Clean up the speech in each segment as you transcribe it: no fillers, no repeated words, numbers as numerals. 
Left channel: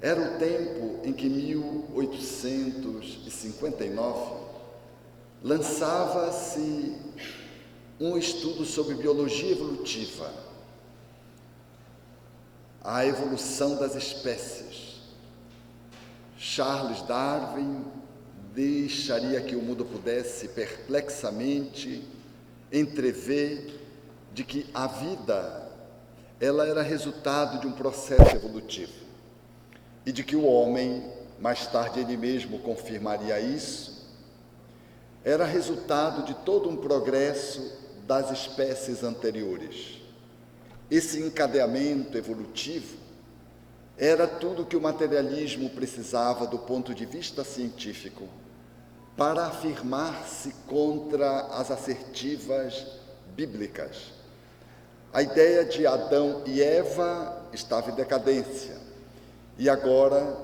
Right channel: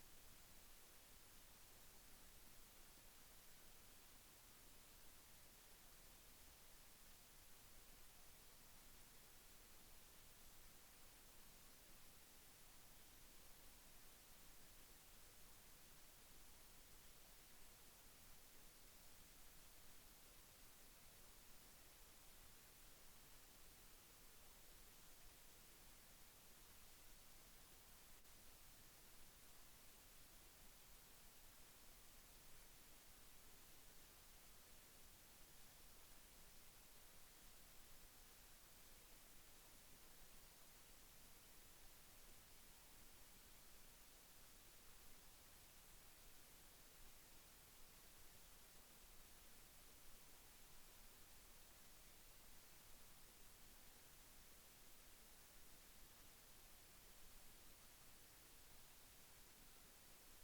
Era o tempo em que, 1859, lançava-se um estudo sobre biologia evolutiva, a evolução das espécies. Charles Darwin deixaria que o mundo pudesse perplexamente entrever de que a vida ela era resultado de um processo evolutivo e de que o homem, mais tarde ele mesmo confirmaria isso, era resultado de todo um progresso das espécies anteriores. Esse encadeamento evolutivo era tudo que o materialismo precisava do ponto de vista científico para afirmar-se contra as assertivas bíblicas. A ideia de Adão e Eva estava em decadência e agora,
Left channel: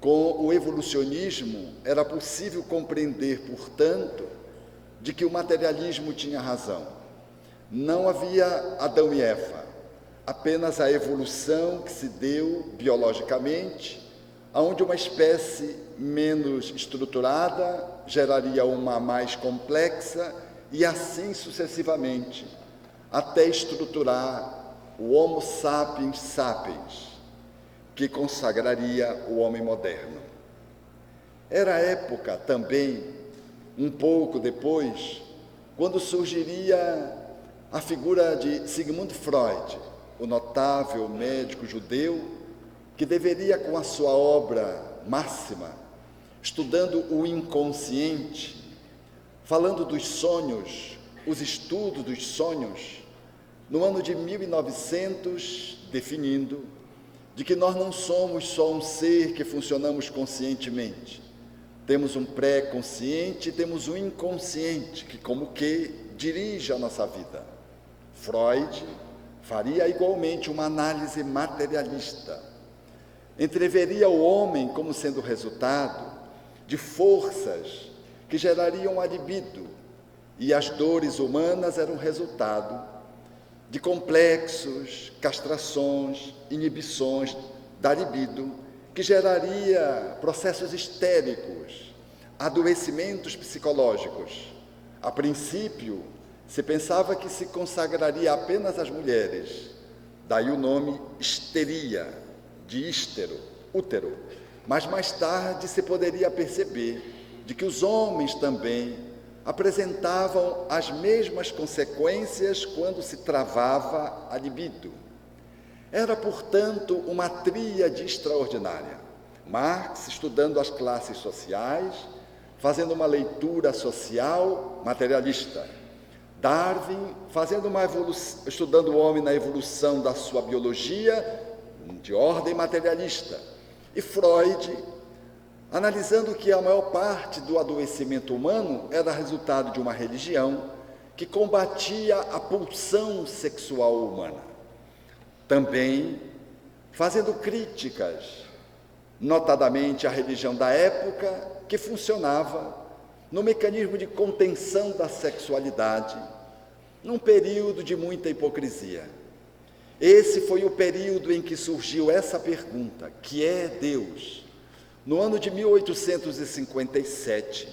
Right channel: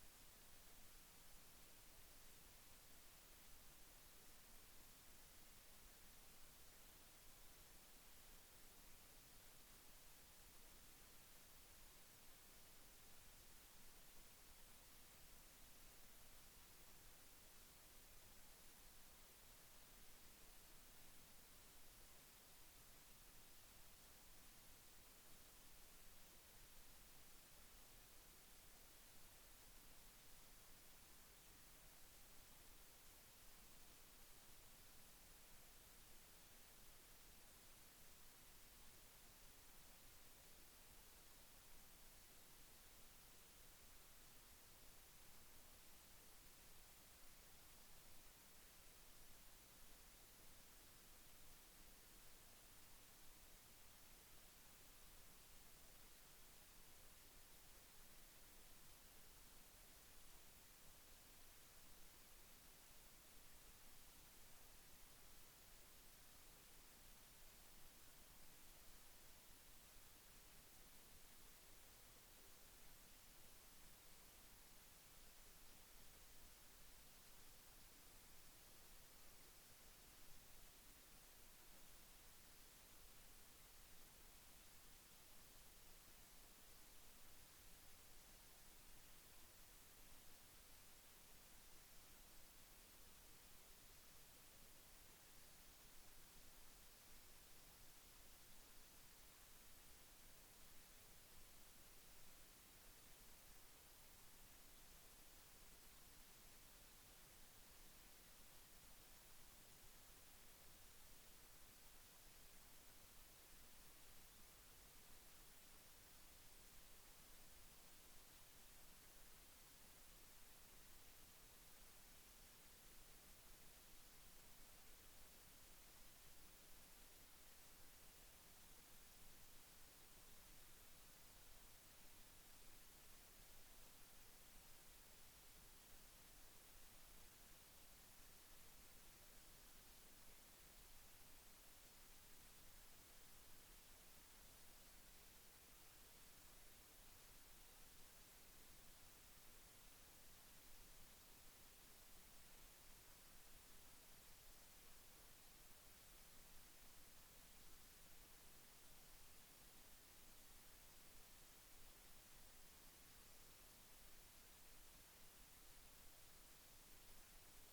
com o evolucionismo, era possível compreender, portanto, de que o materialismo tinha razão. Não havia Adão e Eva, apenas a evolução que se deu biologicamente, onde uma espécie menos estruturada geraria uma mais complexa e assim sucessivamente, até estruturar o Homo sapiens sapiens, que consagraria o homem moderno. Era a época também, um pouco depois, quando surgiria a figura de Sigmund Freud, o notável médico judeu, que deveria, com a sua obra máxima, estudando o inconsciente, falando dos sonhos, os estudos dos sonhos, no ano de 1900, definindo de que nós não somos só um ser que funcionamos conscientemente. Temos um pré-consciente e temos um inconsciente, que como que dirige a nossa vida. Freud faria igualmente uma análise materialista. Entreveria o homem como sendo resultado de forças que gerariam a libido, e as dores humanas eram resultado de complexos, castrações, inibições da libido, que geraria processos histéricos, adoecimentos psicológicos. A princípio, se pensava que se consagraria apenas às mulheres, daí o nome histeria, de hístero, útero. Mas mais tarde se poderia perceber de que os homens também apresentavam as mesmas consequências quando se travava a libido. Era, portanto, uma tríade extraordinária. Marx, estudando as classes sociais, fazendo uma leitura social materialista. Darwin, estudando o homem na evolução da sua biologia, de ordem materialista. E Freud, analisando que a maior parte do adoecimento humano era resultado de uma religião que combatia a pulsão sexual humana. Também fazendo críticas, notadamente à religião da época, que funcionava no mecanismo de contenção da sexualidade, num período de muita hipocrisia. Esse foi o período em que surgiu essa pergunta: que é Deus? No ano de 1857,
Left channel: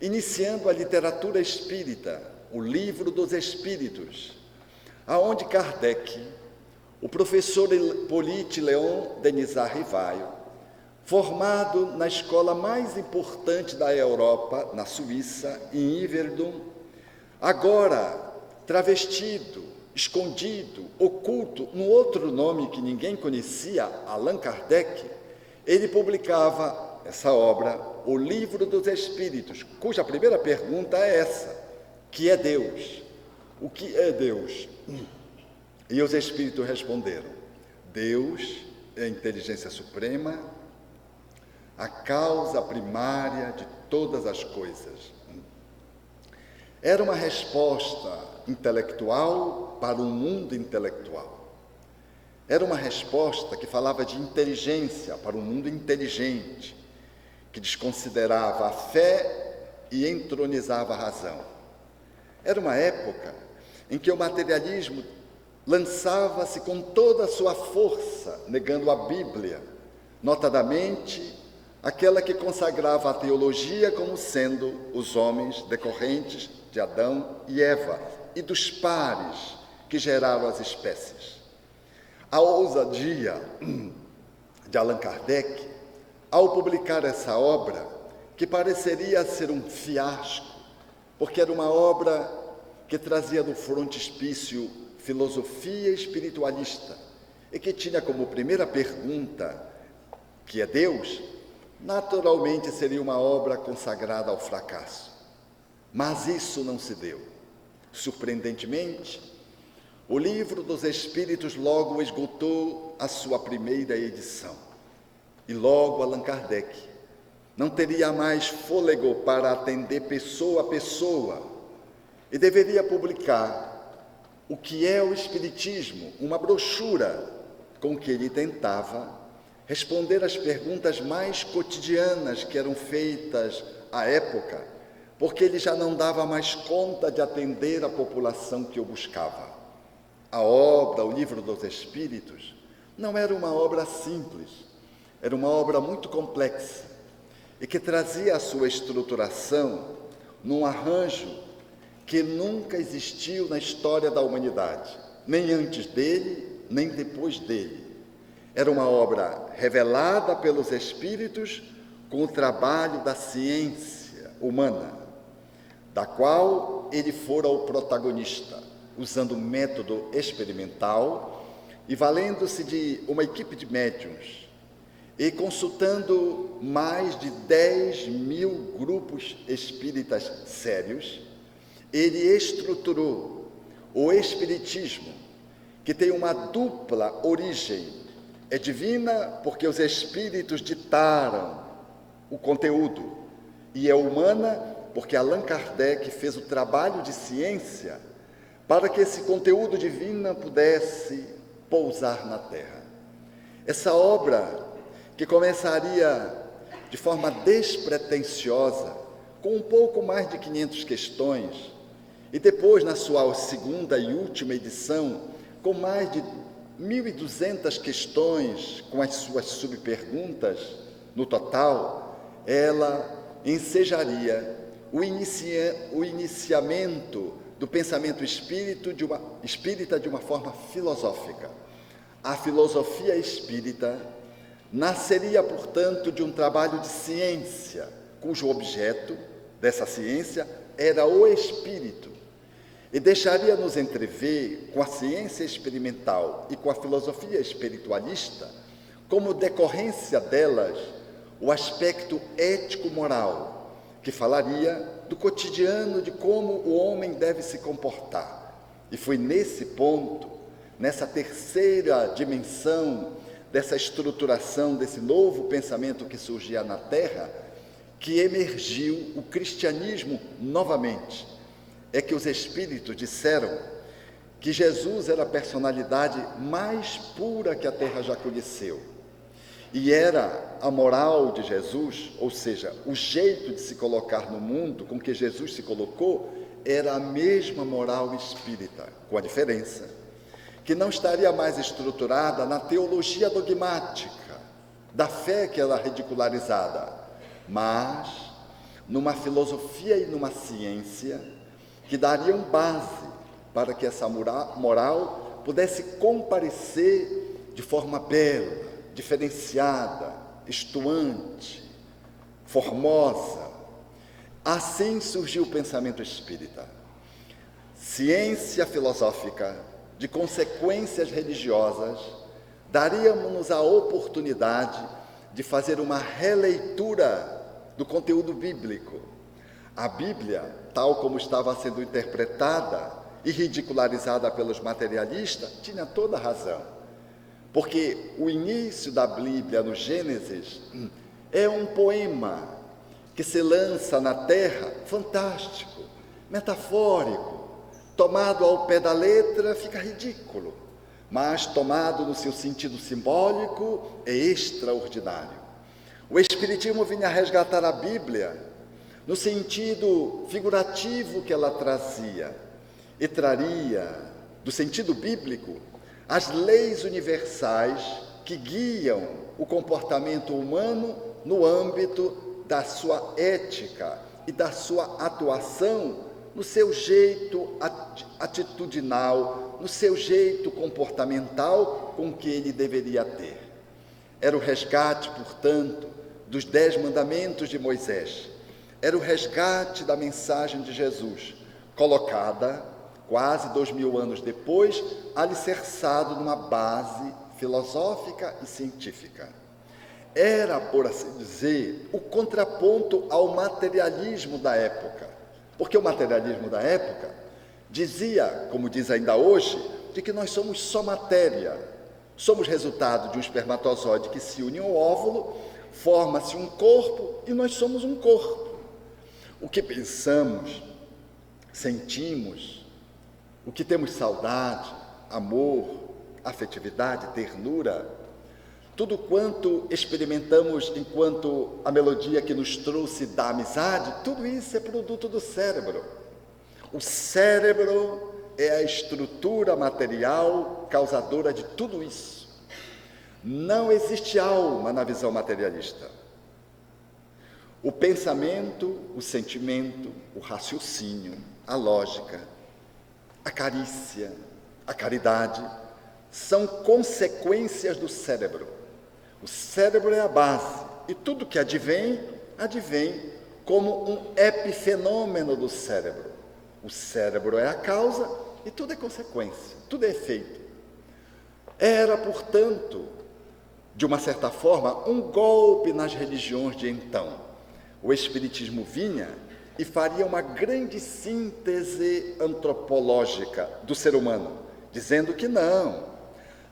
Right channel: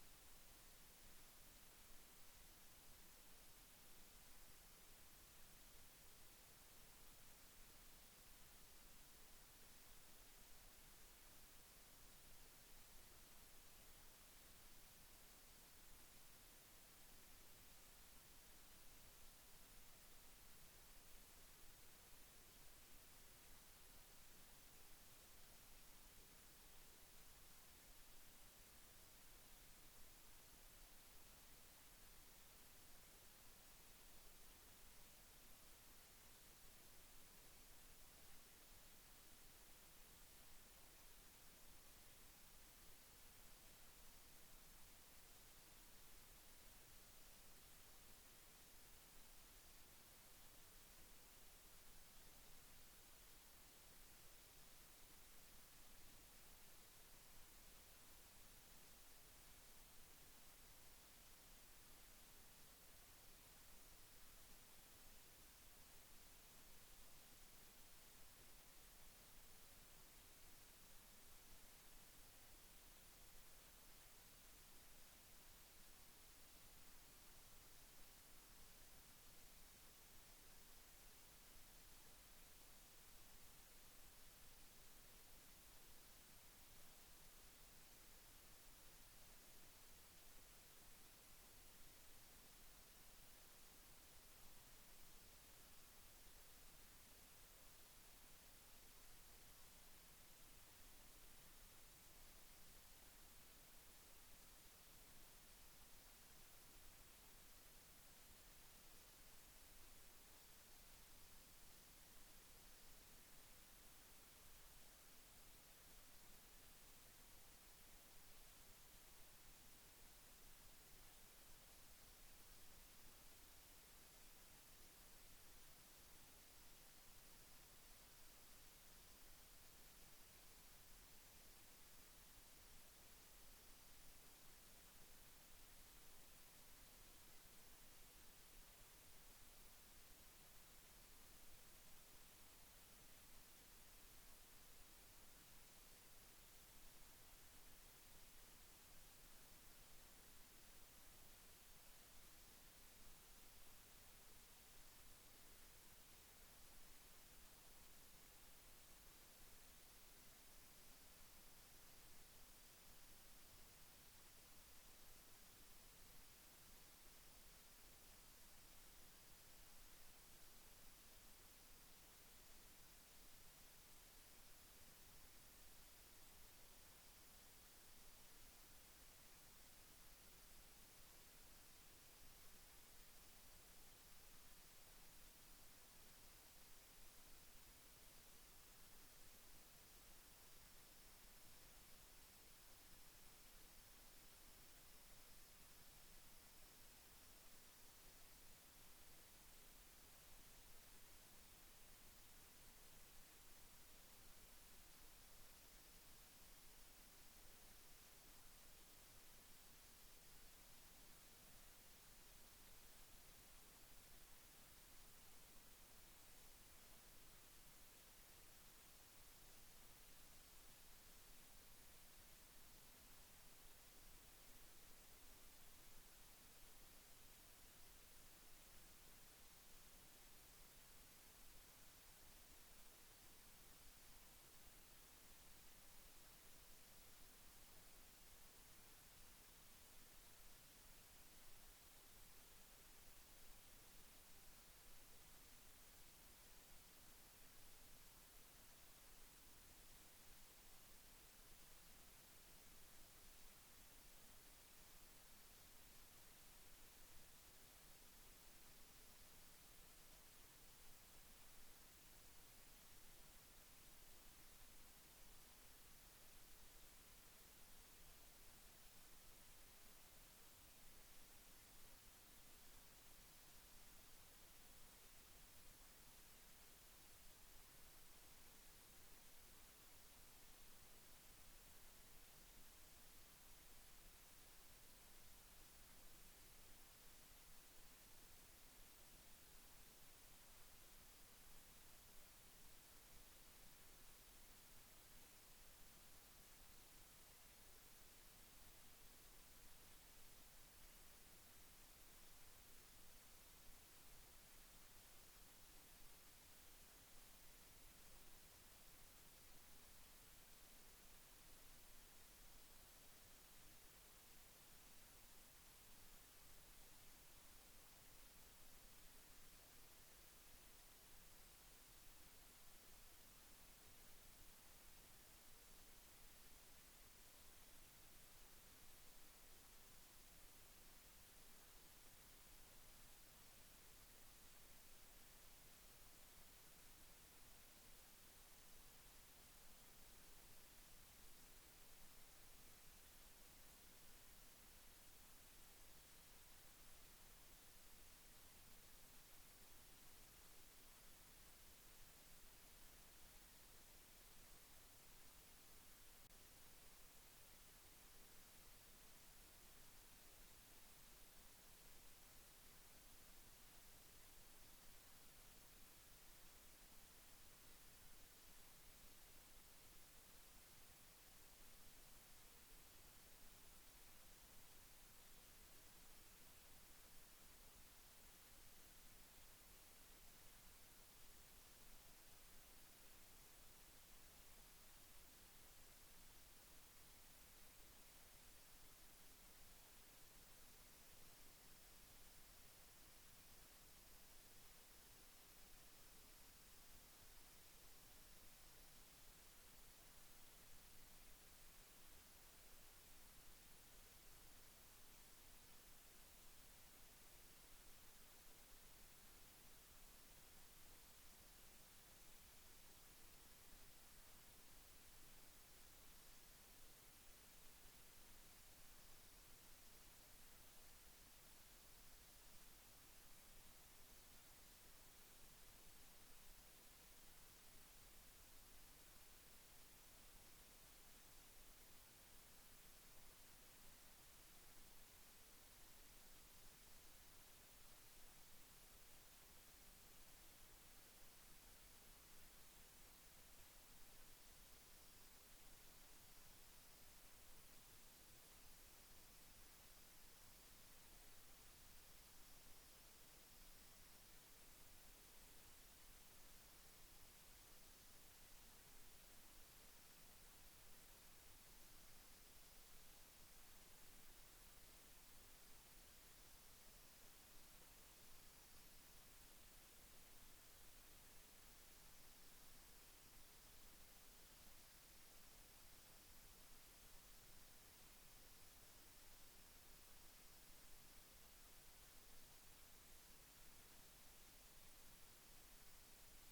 iniciando a literatura espírita, o Livro dos Espíritos, aonde Kardec, o professor Hippolyte Léon Denisard Rivaio, formado na escola mais importante da Europa, na Suíça, em Yverdon, agora travestido, escondido, oculto, num outro nome que ninguém conhecia, Allan Kardec, ele publicava essa obra, o Livro dos Espíritos, cuja primeira pergunta é essa: que é Deus? O que é Deus? E os Espíritos responderam: Deus é a inteligência suprema, a causa primária de todas as coisas. Era uma resposta intelectual para um mundo intelectual. Era uma resposta que falava de inteligência para um mundo inteligente, que desconsiderava a fé e entronizava a razão. Era uma época em que o materialismo lançava-se com toda a sua força, negando a Bíblia, notadamente aquela que consagrava a teologia como sendo os homens decorrentes de Adão e Eva e dos pares que geraram as espécies. A ousadia de Allan Kardec, ao publicar essa obra, que pareceria ser um fiasco, porque era uma obra que trazia do frontispício filosofia espiritualista e que tinha como primeira pergunta, que é Deus, naturalmente seria uma obra consagrada ao fracasso. Mas isso não se deu. Surpreendentemente, o Livro dos Espíritos logo esgotou a sua primeira edição. E logo Allan Kardec não teria mais fôlego para atender pessoa a pessoa e deveria publicar o que é o Espiritismo, uma brochura com que ele tentava responder às perguntas mais cotidianas que eram feitas à época, porque ele já não dava mais conta de atender a população que o buscava. A obra, o Livro dos Espíritos, não era uma obra simples, era uma obra muito complexa e que trazia a sua estruturação num arranjo que nunca existiu na história da humanidade, nem antes dele, nem depois dele. Era uma obra revelada pelos Espíritos com o trabalho da ciência humana, da qual ele fora o protagonista, usando método experimental e valendo-se de uma equipe de médiuns e consultando mais de 10.000 grupos espíritas sérios, ele estruturou o Espiritismo, que tem uma dupla origem. É divina porque os Espíritos ditaram o conteúdo, e é humana porque Allan Kardec fez o trabalho de ciência para que esse conteúdo divino pudesse pousar na Terra. Essa obra, que começaria de forma despretensiosa, com um pouco mais de 500 questões, e depois, na sua segunda e última edição, com mais de 1.200 questões, com as suas subperguntas, no total, ela ensejaria o iniciamento do pensamento espírita de uma forma filosófica. A filosofia espírita nasceria, portanto, de um trabalho de ciência, cujo objeto dessa ciência era o espírito, e deixaria-nos entrever, com a ciência experimental e com a filosofia espiritualista, como decorrência delas, o aspecto ético-moral, que falaria do cotidiano, de como o homem deve se comportar. E foi nesse ponto, nessa terceira dimensão, dessa estruturação, desse novo pensamento que surgia na Terra, que emergiu o cristianismo novamente. É que os Espíritos disseram que Jesus era a personalidade mais pura que a Terra já conheceu. E era a moral de Jesus, ou seja, o jeito de se colocar no mundo com que Jesus se colocou, era a mesma moral espírita, com a diferença que não estaria mais estruturada na teologia dogmática, da fé que era ridicularizada, mas numa filosofia e numa ciência que dariam base para que essa moral pudesse comparecer de forma bela, diferenciada, estuante, formosa. Assim surgiu o pensamento espírita. Ciência filosófica, de consequências religiosas, daríamos a oportunidade de fazer uma releitura do conteúdo bíblico. A Bíblia, tal como estava sendo interpretada e ridicularizada pelos materialistas, tinha toda a razão. Porque o início da Bíblia, no Gênesis, é um poema que se lança na terra, fantástico, metafórico, tomado ao pé da letra fica ridículo, mas tomado no seu sentido simbólico é extraordinário. O Espiritismo vinha resgatar a Bíblia no sentido figurativo que ela trazia, e traria, do sentido bíblico, as leis universais que guiam o comportamento humano no âmbito da sua ética e da sua atuação, no seu jeito atitudinal, no seu jeito comportamental com que ele deveria ter. Era o resgate, portanto, dos 10 mandamentos de Moisés. Era o resgate da mensagem de Jesus, colocada, quase 2000 anos depois, alicerçado numa base filosófica e científica. Era, por assim dizer, o contraponto ao materialismo da época. Porque o materialismo da época dizia, como diz ainda hoje, de que nós somos só matéria. Somos resultado de um espermatozoide que se une ao óvulo, forma-se um corpo e nós somos um corpo. O que pensamos, sentimos, o que temos saudade, amor, afetividade, ternura, tudo quanto experimentamos enquanto a melodia que nos trouxe da amizade, tudo isso é produto do cérebro. O cérebro é a estrutura material causadora de tudo isso. Não existe alma na visão materialista. O pensamento, o sentimento, o raciocínio, a lógica, a carícia, a caridade, são consequências do cérebro. O cérebro é a base, e tudo que advém como um epifenômeno do cérebro. O cérebro é a causa e tudo é consequência, tudo é efeito. Era, portanto, de uma certa forma, um golpe nas religiões de então. O Espiritismo vinha e faria uma grande síntese antropológica do ser humano, dizendo que não,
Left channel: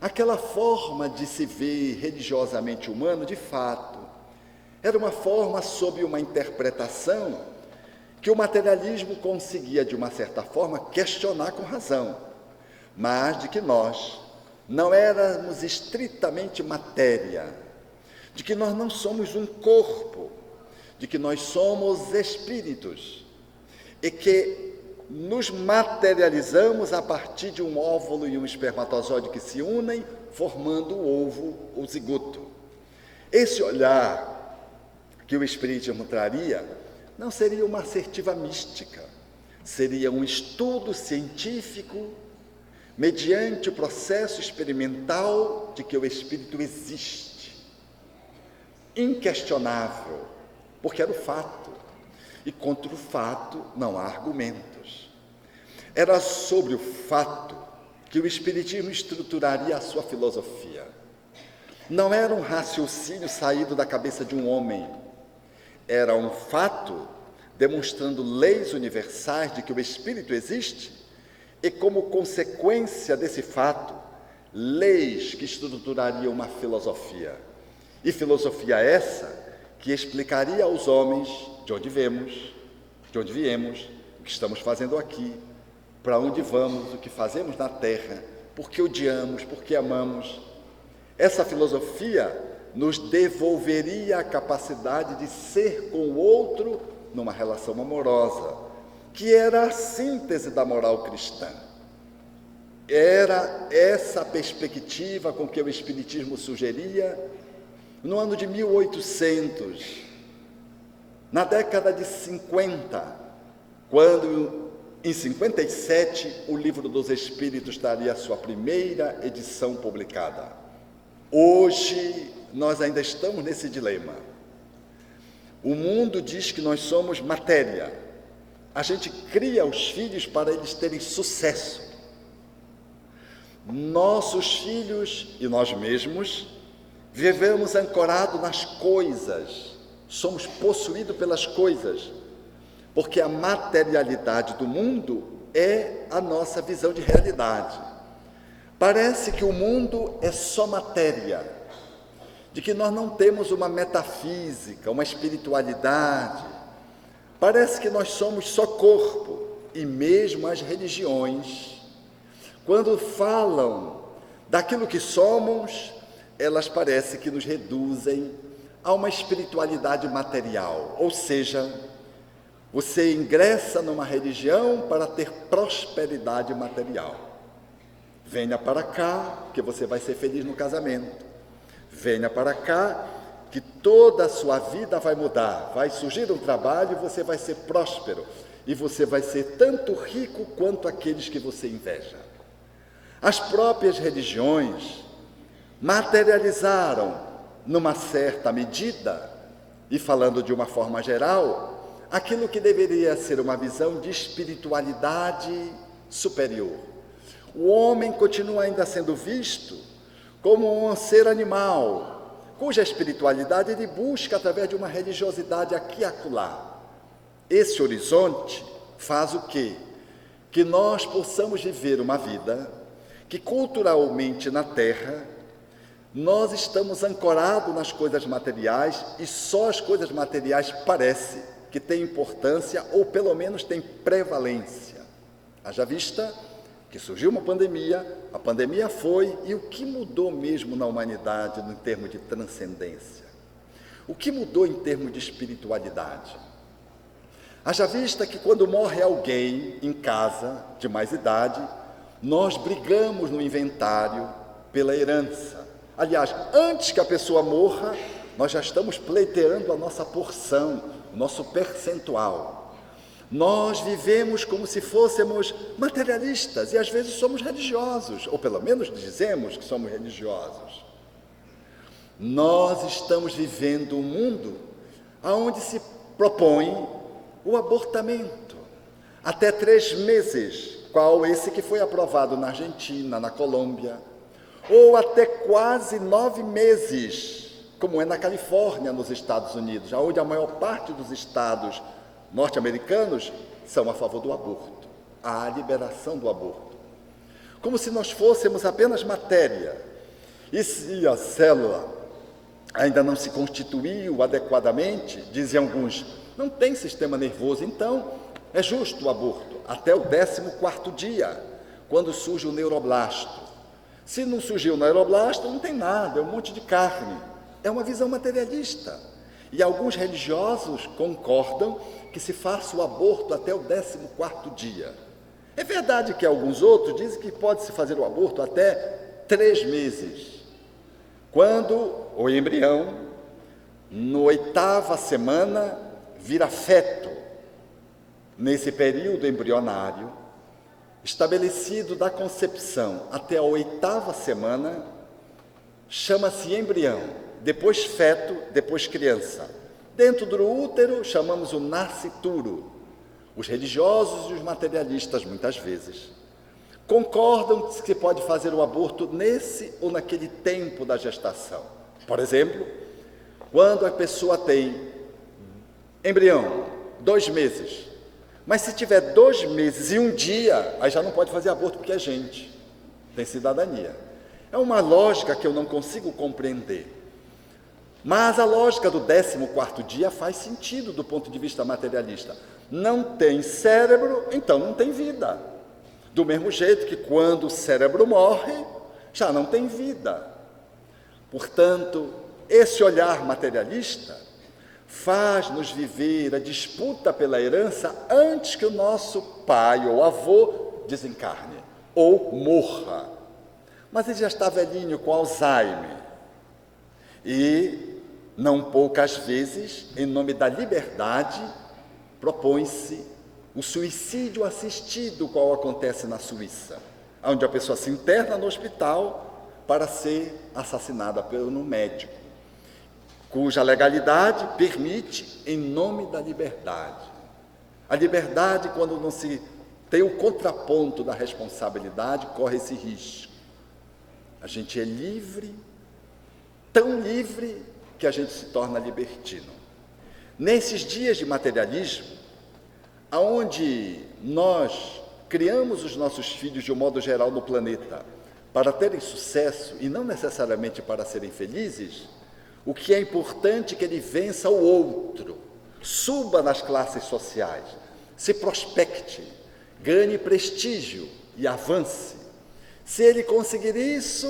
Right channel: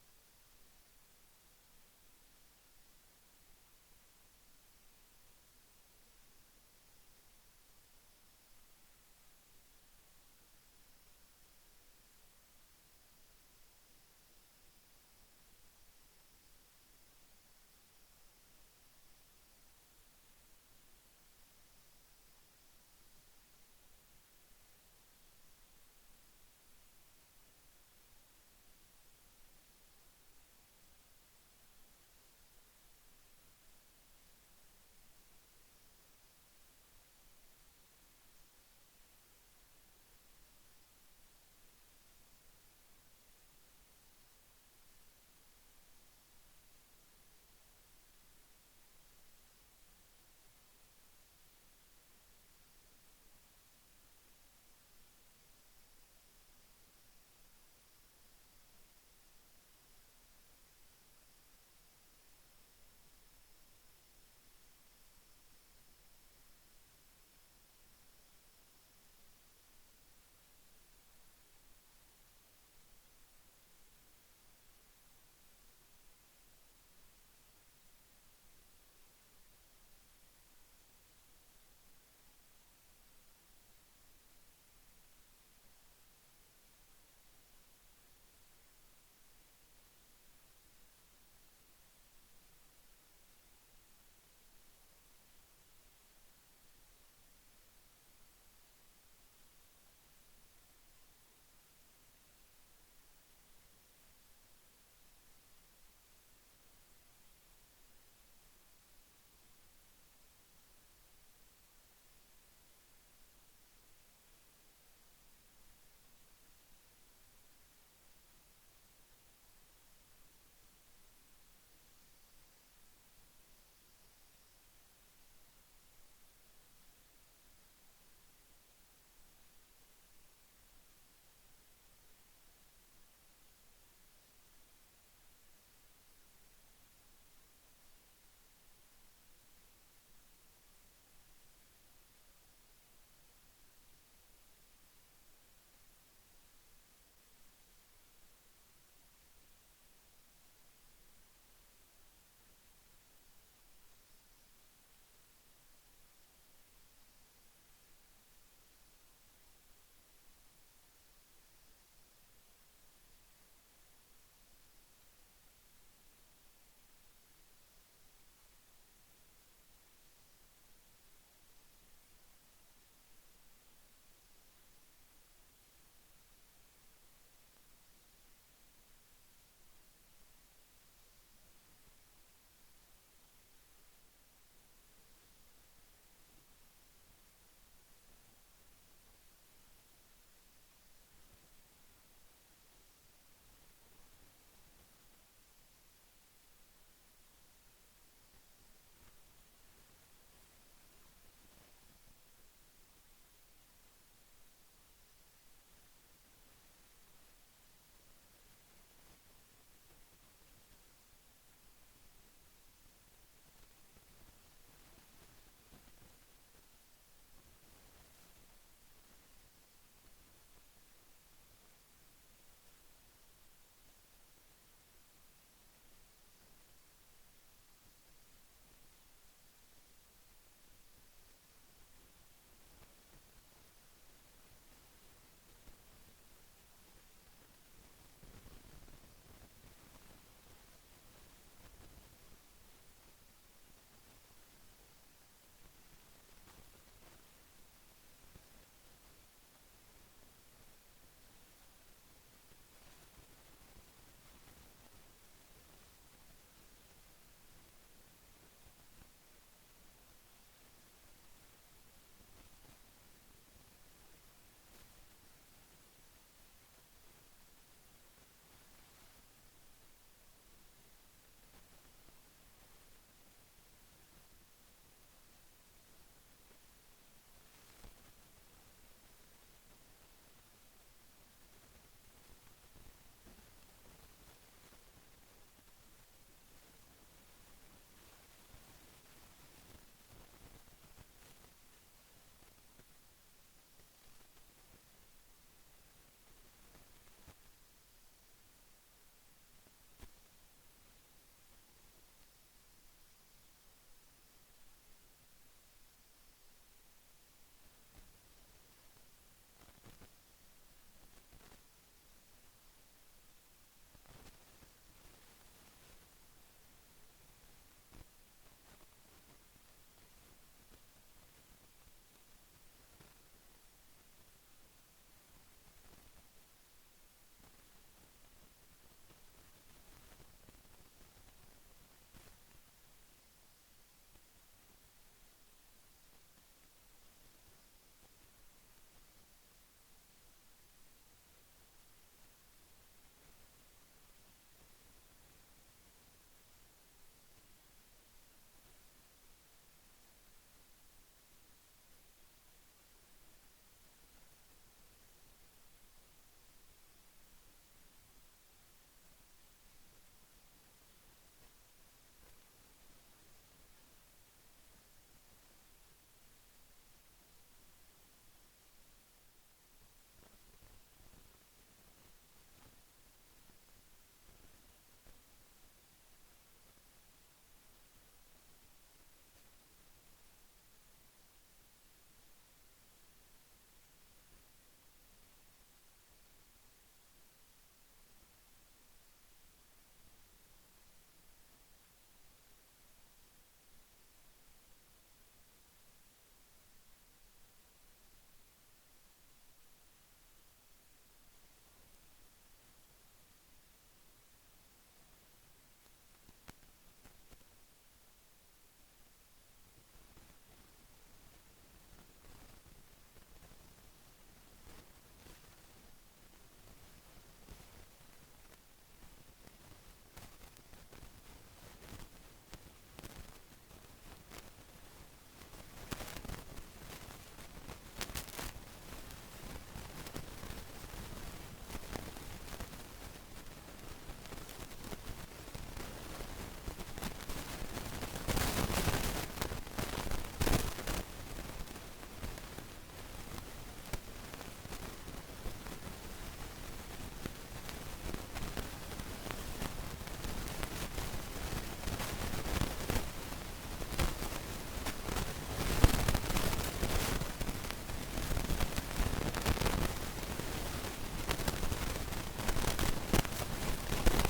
aquela forma de se ver religiosamente humano, de fato, era uma forma sob uma interpretação que o materialismo conseguia, de uma certa forma, questionar com razão, mas de que nós não éramos estritamente matéria, de que nós não somos um corpo, de que nós somos espíritos e que nos materializamos a partir de um óvulo e um espermatozoide que se unem, formando o ovo, o zigoto. Esse olhar que o Espiritismo traria não seria uma assertiva mística, seria um estudo científico mediante o processo experimental de que o espírito existe, inquestionável, porque era o fato, e contra o fato não há argumentos. Era sobre o fato que o Espiritismo estruturaria a sua filosofia. Não era um raciocínio saído da cabeça de um homem, era um fato demonstrando leis universais de que o espírito existe e, como consequência desse fato, leis que estruturariam uma filosofia. E filosofia essa que explicaria aos homens de onde viemos, o que estamos fazendo aqui, para onde vamos, o que fazemos na terra, por que odiamos, por que amamos. Essa filosofia nos devolveria a capacidade de ser com o outro numa relação amorosa, que era a síntese da moral cristã. Era essa perspectiva com que o Espiritismo sugeria no ano de 1800, na década de 50, quando, em 57, o Livro dos Espíritos daria a sua primeira edição publicada. Hoje, nós ainda estamos nesse dilema. O mundo diz que nós somos matéria. A gente cria os filhos para eles terem sucesso. Nossos filhos e nós mesmos vivemos ancorados nas coisas, somos possuídos pelas coisas, porque a materialidade do mundo é a nossa visão de realidade. Parece que o mundo é só matéria, de que nós não temos uma metafísica, uma espiritualidade. Parece que nós somos só corpo, e mesmo as religiões, quando falam daquilo que somos, elas parecem que nos reduzem a uma espiritualidade material, ou seja, você ingressa numa religião para ter prosperidade material. Venha para cá, que você vai ser feliz no casamento. venha para cá, que toda a sua vida vai mudar. Vai surgir um trabalho e você vai ser próspero. E você vai ser tanto rico quanto aqueles que você inveja. As próprias religiões materializaram, numa certa medida, e falando de uma forma geral, aquilo que deveria ser uma visão de espiritualidade superior. O homem continua ainda sendo visto como um ser animal, cuja espiritualidade ele busca através de uma religiosidade aqui e acolá. Esse horizonte faz o quê? Que nós possamos viver uma vida que culturalmente na Terra, nós estamos ancorados nas coisas materiais e só as coisas materiais parece que têm importância ou pelo menos têm prevalência. Haja vista que surgiu uma pandemia, a pandemia foi, e o que mudou mesmo na humanidade em termos de transcendência? O que mudou em termos de espiritualidade? Haja vista que quando morre alguém em casa de mais idade, nós brigamos no inventário pela herança. Aliás, antes que a pessoa morra, nós já estamos pleiteando a nossa porção, o nosso percentual. Nós vivemos como se fôssemos materialistas e às vezes somos religiosos, ou pelo menos dizemos que somos religiosos. Nós estamos vivendo um mundo onde se propõe o abortamento. Até 3 meses, qual esse que foi aprovado na Argentina, na Colômbia, ou até quase 9 meses, como é na Califórnia, nos Estados Unidos, onde a maior parte dos estados norte-americanos são a favor do aborto, a liberação do aborto. Como se nós fôssemos apenas matéria, e se a célula ainda não se constituiu adequadamente, dizem alguns, não tem sistema nervoso, então é justo o aborto, até o 14º dia, quando surge o neuroblasto. Se não surgiu o neuroblasto, não tem nada, é um monte de carne. É uma visão materialista. E alguns religiosos concordam que se faça o aborto até o 14º dia. É verdade que alguns outros dizem que pode-se fazer o aborto até 3 meses. Quando o embrião, na 8ª semana, vira feto. Nesse período embrionário, estabelecido da concepção até a 8ª semana, chama-se embrião, depois feto, depois criança. Dentro do útero, chamamos o nascituro. Os religiosos e os materialistas, muitas vezes, concordam que se pode fazer o aborto nesse ou naquele tempo da gestação. Por exemplo, quando a pessoa tem embrião, 2 meses, mas se tiver 2 meses e 1 dia, aí já não pode fazer aborto porque é gente, tem cidadania. É uma lógica que eu não consigo compreender. Mas a lógica do 14º dia faz sentido do ponto de vista materialista. Não tem cérebro, então não tem vida. Do mesmo jeito que quando o cérebro morre, já não tem vida. Portanto, esse olhar materialista faz-nos viver a disputa pela herança antes que o nosso pai ou avô desencarne ou morra. Mas ele já está velhinho, com Alzheimer. E, não poucas vezes, em nome da liberdade, propõe-se o suicídio assistido, qual acontece na Suíça, onde a pessoa se interna no hospital para ser assassinada por um médico, cuja legalidade permite em nome da liberdade. A liberdade, quando não se tem o contraponto da responsabilidade, corre esse risco. A gente é livre, tão livre que a gente se torna libertino. Nesses dias de materialismo, aonde nós criamos os nossos filhos de um modo geral no planeta para terem sucesso e não necessariamente para serem felizes, o que é importante é que ele vença o outro, suba nas classes sociais, se prospecte, ganhe prestígio e avance. Se ele conseguir isso,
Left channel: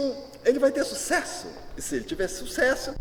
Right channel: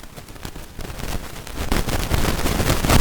ele vai ter sucesso. E se ele tiver sucesso,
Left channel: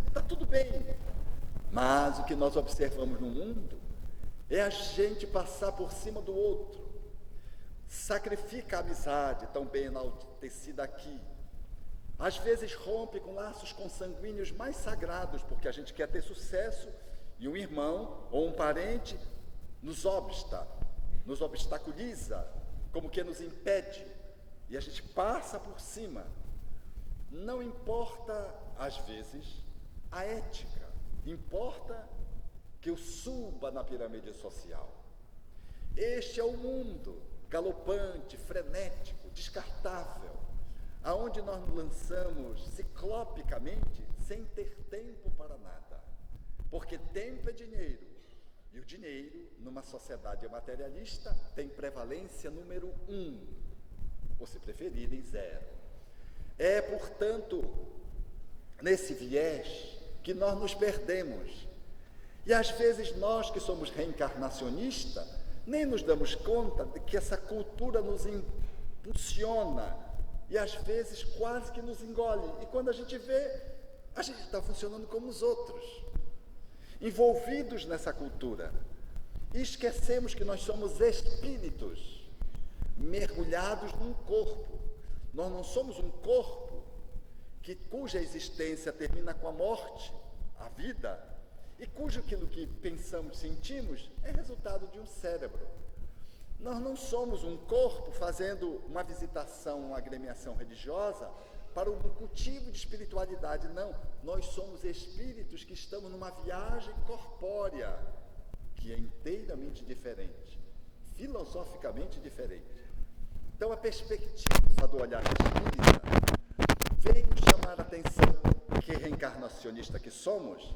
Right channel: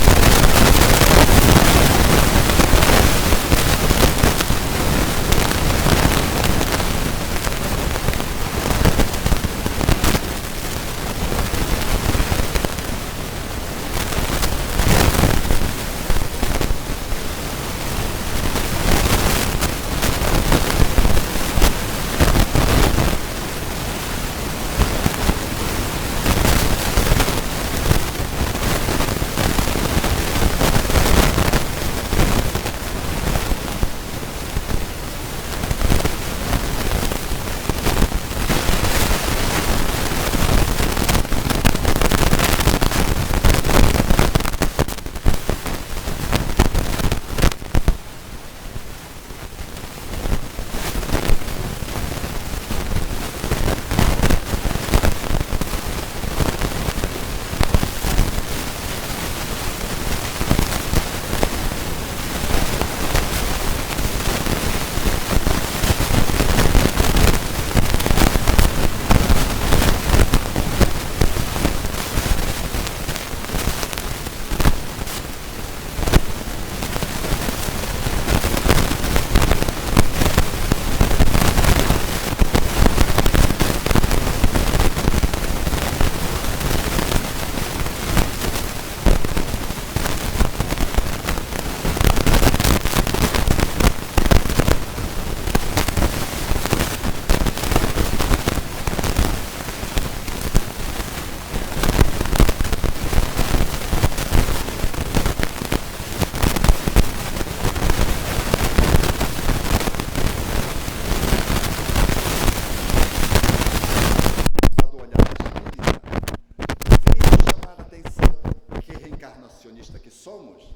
Que somos,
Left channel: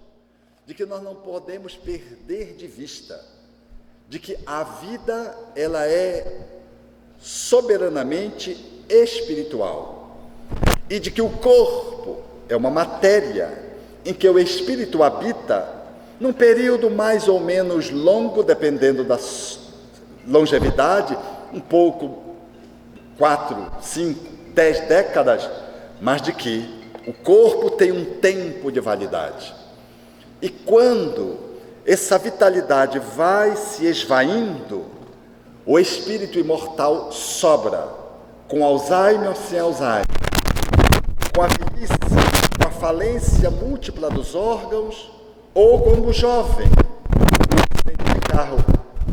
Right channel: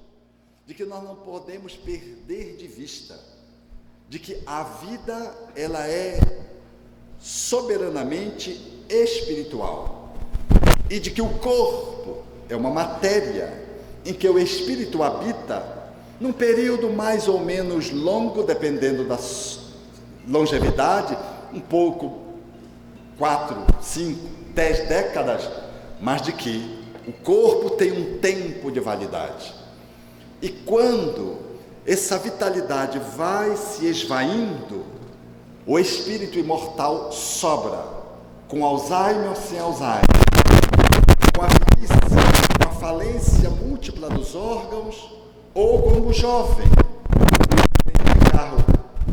de que nós não podemos perder de vista, de que a vida ela é soberanamente espiritual e de que o corpo é uma matéria em que o espírito habita num período mais ou menos longo, dependendo da longevidade, um pouco 4, 5, 10 décadas, mas de que o corpo tem um tempo de validade. E quando essa vitalidade vai se esvaindo, o espírito imortal sobra, com Alzheimer ou sem Alzheimer, com a velhice, com a falência múltipla dos órgãos, ou como jovem, um acidente de carro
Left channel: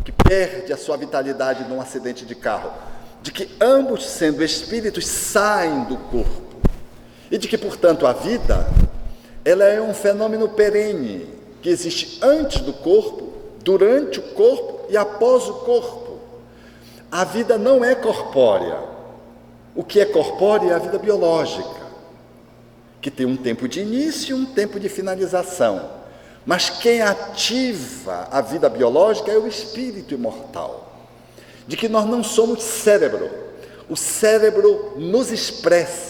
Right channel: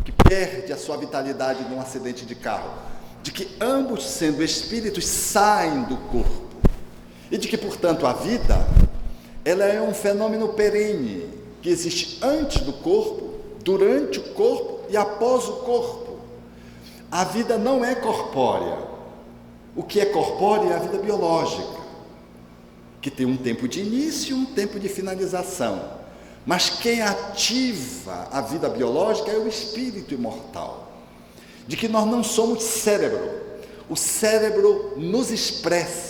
que perde a sua vitalidade num acidente de carro, de que ambos, sendo espíritos, saem do corpo. E de que, portanto, a vida, ela é um fenômeno perene, que existe antes do corpo, durante o corpo e após o corpo. A vida não é corpórea. O que é corpórea é a vida biológica, que tem um tempo de início e um tempo de finalização. Mas quem ativa a vida biológica é o espírito imortal. De que nós não somos cérebro. O cérebro nos expressa.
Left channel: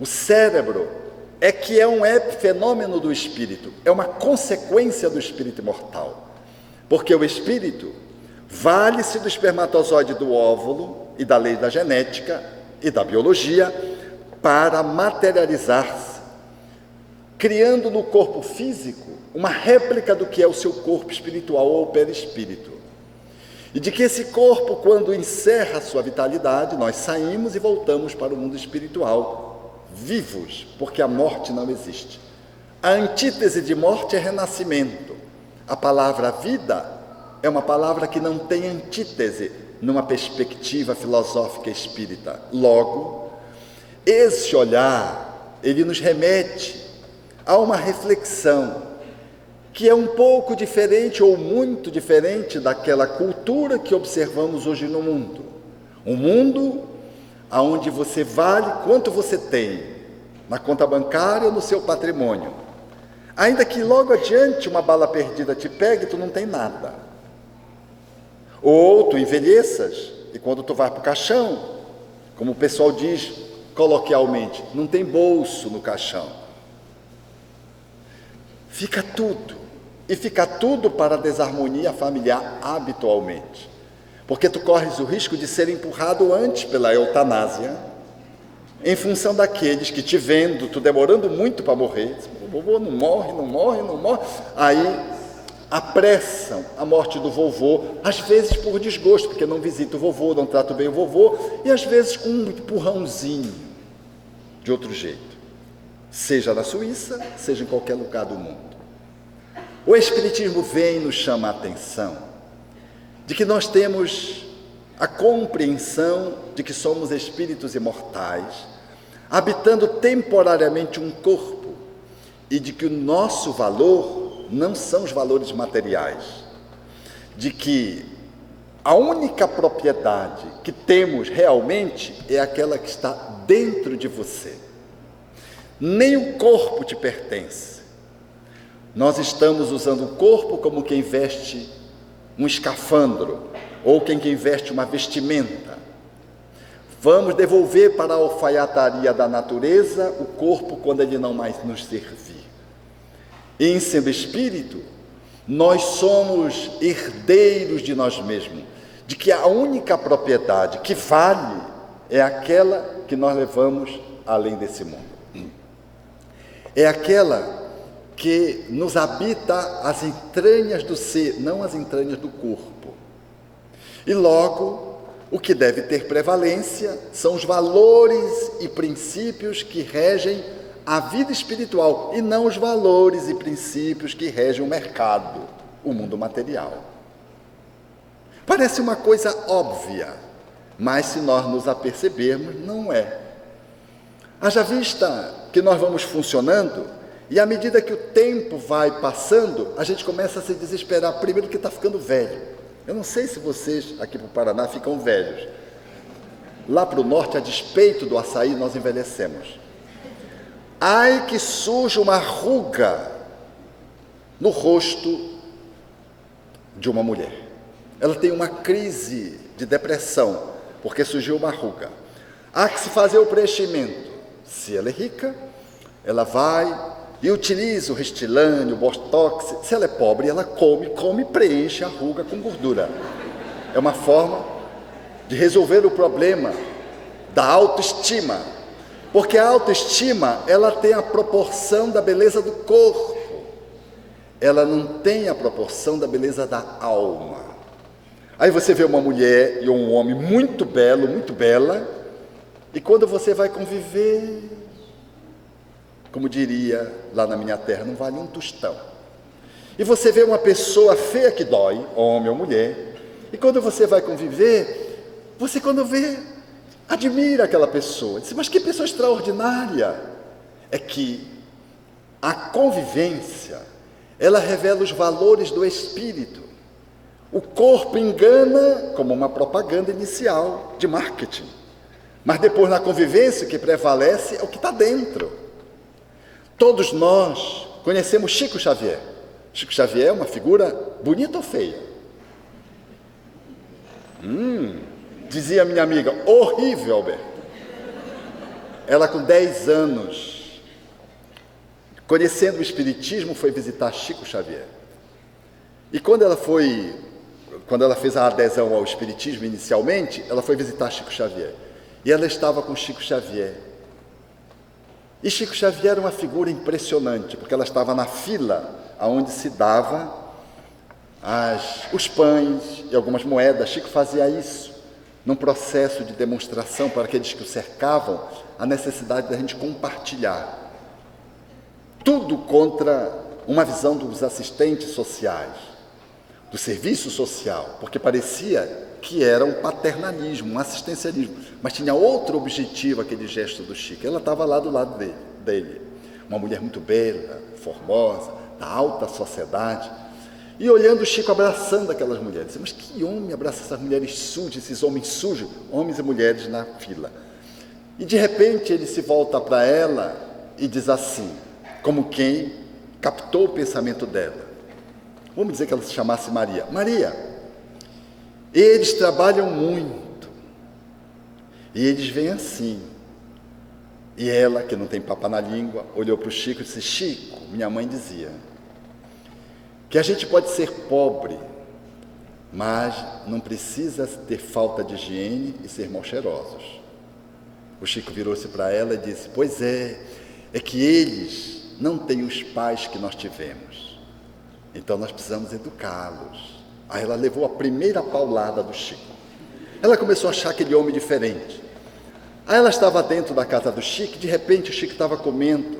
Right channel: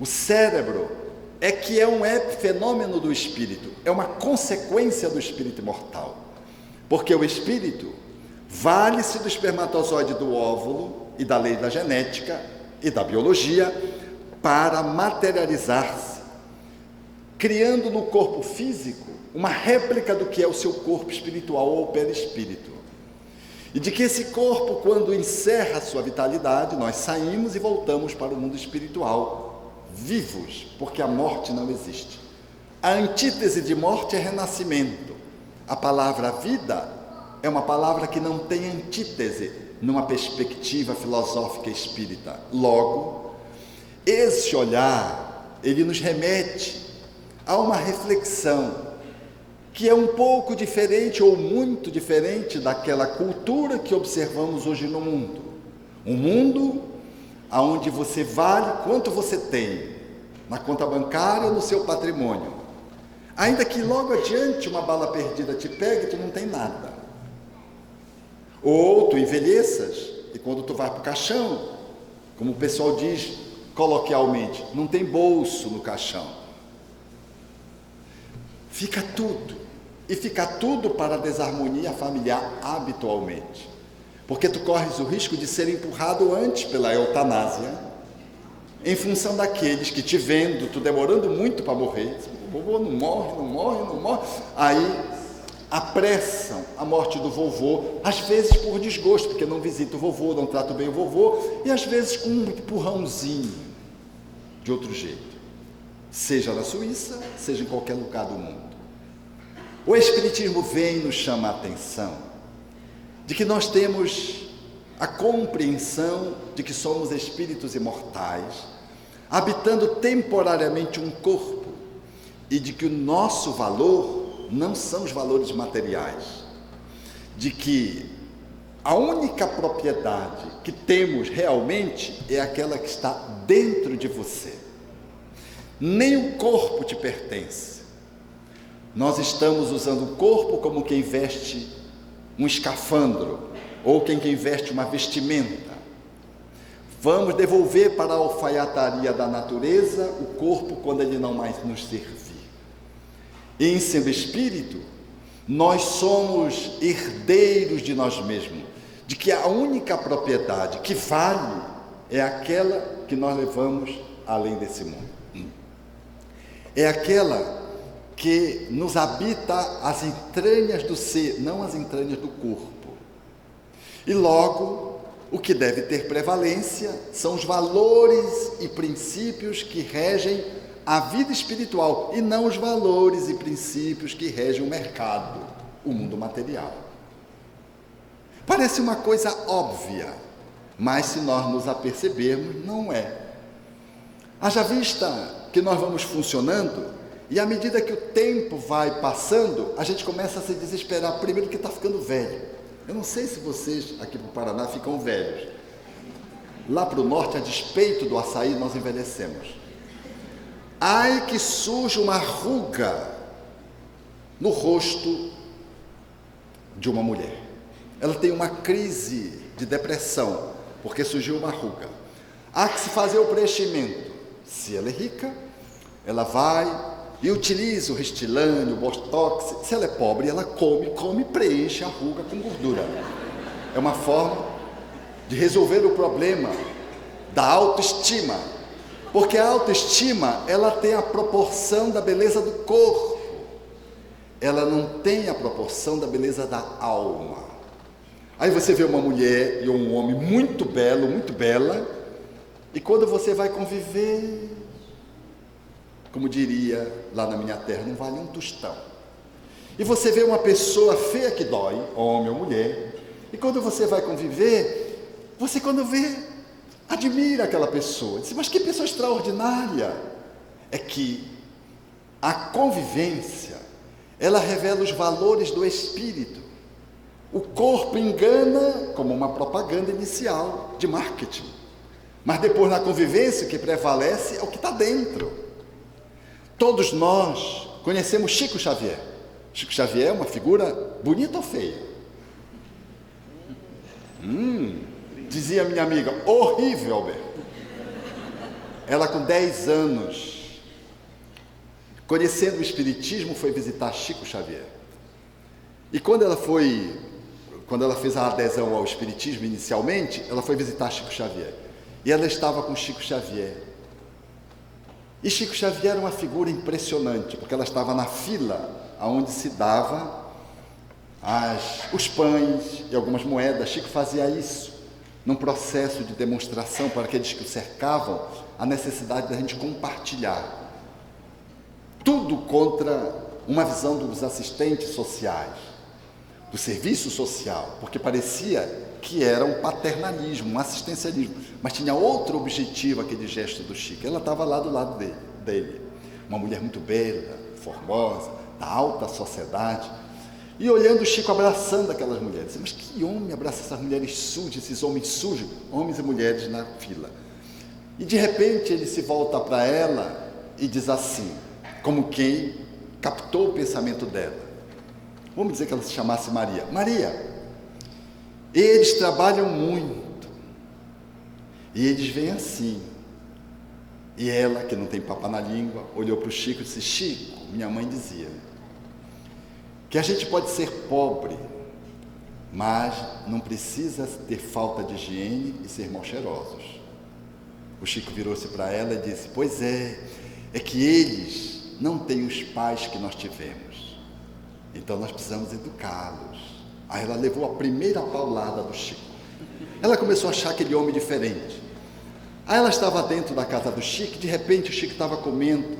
O cérebro é que é um epifenômeno do espírito, é uma consequência do espírito imortal. Porque o espírito vale-se do espermatozoide do óvulo e da lei da genética e da biologia para materializar-se, criando no corpo físico uma réplica do que é o seu corpo espiritual ou perispírito. E de que esse corpo, quando encerra a sua vitalidade, nós saímos e voltamos para o mundo espiritual, vivos, porque a morte não existe. A antítese de morte é renascimento. A palavra vida é uma palavra que não tem antítese numa perspectiva filosófica espírita. Logo, esse olhar, ele nos remete a uma reflexão que é um pouco diferente ou muito diferente daquela cultura que observamos hoje no mundo. Um mundo onde você vale quanto você tem, na conta bancária ou no seu patrimônio. Ainda que logo adiante uma bala perdida te pegue, tu não tem nada. Ou tu envelheças, e quando tu vai para o caixão, como o pessoal diz coloquialmente, não tem bolso no caixão. Fica tudo, e fica tudo para a desarmonia familiar habitualmente. Porque tu corres o risco de ser empurrado antes pela eutanásia, em função daqueles que, te vendo, tu demorando muito para morrer, o vovô não morre, aí apressam a morte do vovô, às vezes por desgosto, porque não visita o vovô, não trata bem o vovô, e às vezes com um empurrãozinho, de outro jeito, seja na Suíça, seja em qualquer lugar do mundo. O Espiritismo vem e nos chama a atenção de que nós temos a compreensão de que somos espíritos imortais, habitando temporariamente um corpo, e de que o nosso valor não são os valores materiais, de que a única propriedade que temos realmente é aquela que está dentro de você. Nem o corpo te pertence. Nós estamos usando o corpo como quem veste um escafandro, ou quem veste uma vestimenta. Vamos devolver para a alfaiataria da natureza o corpo quando ele não mais nos servir. E em sendo espírito, nós somos herdeiros de nós mesmos, de que a única propriedade que vale é aquela que nós levamos além desse mundo. É aquela que nos habita as entranhas do ser, não as entranhas do corpo. E logo, o que deve ter prevalência são os valores e princípios que regem a vida espiritual, e não os valores e princípios que regem o mercado, o mundo material. Parece uma coisa óbvia, mas se nós nos apercebermos, não é. Haja vista que nós vamos funcionando, e à medida que o tempo vai passando, a gente começa a se desesperar, primeiro que está ficando velho. Eu não sei se vocês aqui para o Paraná ficam velhos. Lá para o norte, a despeito do açaí, nós envelhecemos. Ai que surge uma ruga no rosto de uma mulher. Ela tem uma crise de depressão, porque surgiu uma ruga. Há que se fazer o preenchimento. Se ela é rica, ela vai e utiliza o Restylane, o Botox. Se ela é pobre, ela come e preenche a ruga com gordura. É uma forma de resolver o problema da autoestima. Porque a autoestima, ela tem a proporção da beleza do corpo. Ela não tem a proporção da beleza da alma. Aí você vê uma mulher e um homem muito belo, muito bela, e quando você vai conviver, como diria lá na minha terra, não vale um tostão. E você vê uma pessoa feia que dói, homem ou mulher, e quando você vai conviver, você quando vê, admira aquela pessoa. Diz, mas que pessoa extraordinária! É que a convivência, ela revela os valores do espírito. O corpo engana como uma propaganda inicial de marketing. Mas depois na convivência o que prevalece é o que está dentro. Todos nós conhecemos Chico Xavier. Chico Xavier é uma figura bonita ou feia? Dizia minha amiga, horrível, Alberto. Ela com 10 anos, conhecendo o Espiritismo, foi visitar Chico Xavier. E quando ela fez a adesão ao Espiritismo inicialmente, ela foi visitar Chico Xavier. E ela estava com Chico Xavier. E Chico Xavier era uma figura impressionante, porque ela estava na fila onde se dava os pães e algumas moedas. Chico fazia isso num processo de demonstração para aqueles que o cercavam, a necessidade da gente compartilhar. Tudo contra uma visão dos assistentes sociais, do serviço social, porque parecia que era um paternalismo, um assistencialismo, mas tinha outro objetivo aquele gesto do Chico. Ela estava lá do lado dele, uma mulher muito bela, formosa, da alta sociedade, e olhando o Chico abraçando aquelas mulheres. Mas que homem abraça essas mulheres sujas, esses homens sujos, homens e mulheres na fila? E de repente ele se volta para ela e diz assim, como quem captou o pensamento dela. Vamos dizer que ela se chamasse Maria. Maria, eles trabalham muito, e eles vêm assim. E ela, que não tem papo na língua, olhou para o Chico e disse, Chico, minha mãe dizia, que a gente pode ser pobre, mas não precisa ter falta de higiene e ser mal cheirosos. O Chico virou-se para ela e disse, pois é que eles não têm os pais que nós tivemos, então nós precisamos educá-los. Aí ela levou a primeira paulada do Chico. Ela começou a achar aquele homem diferente. Aí ela estava dentro da casa do Chico e de repente o Chico estava comendo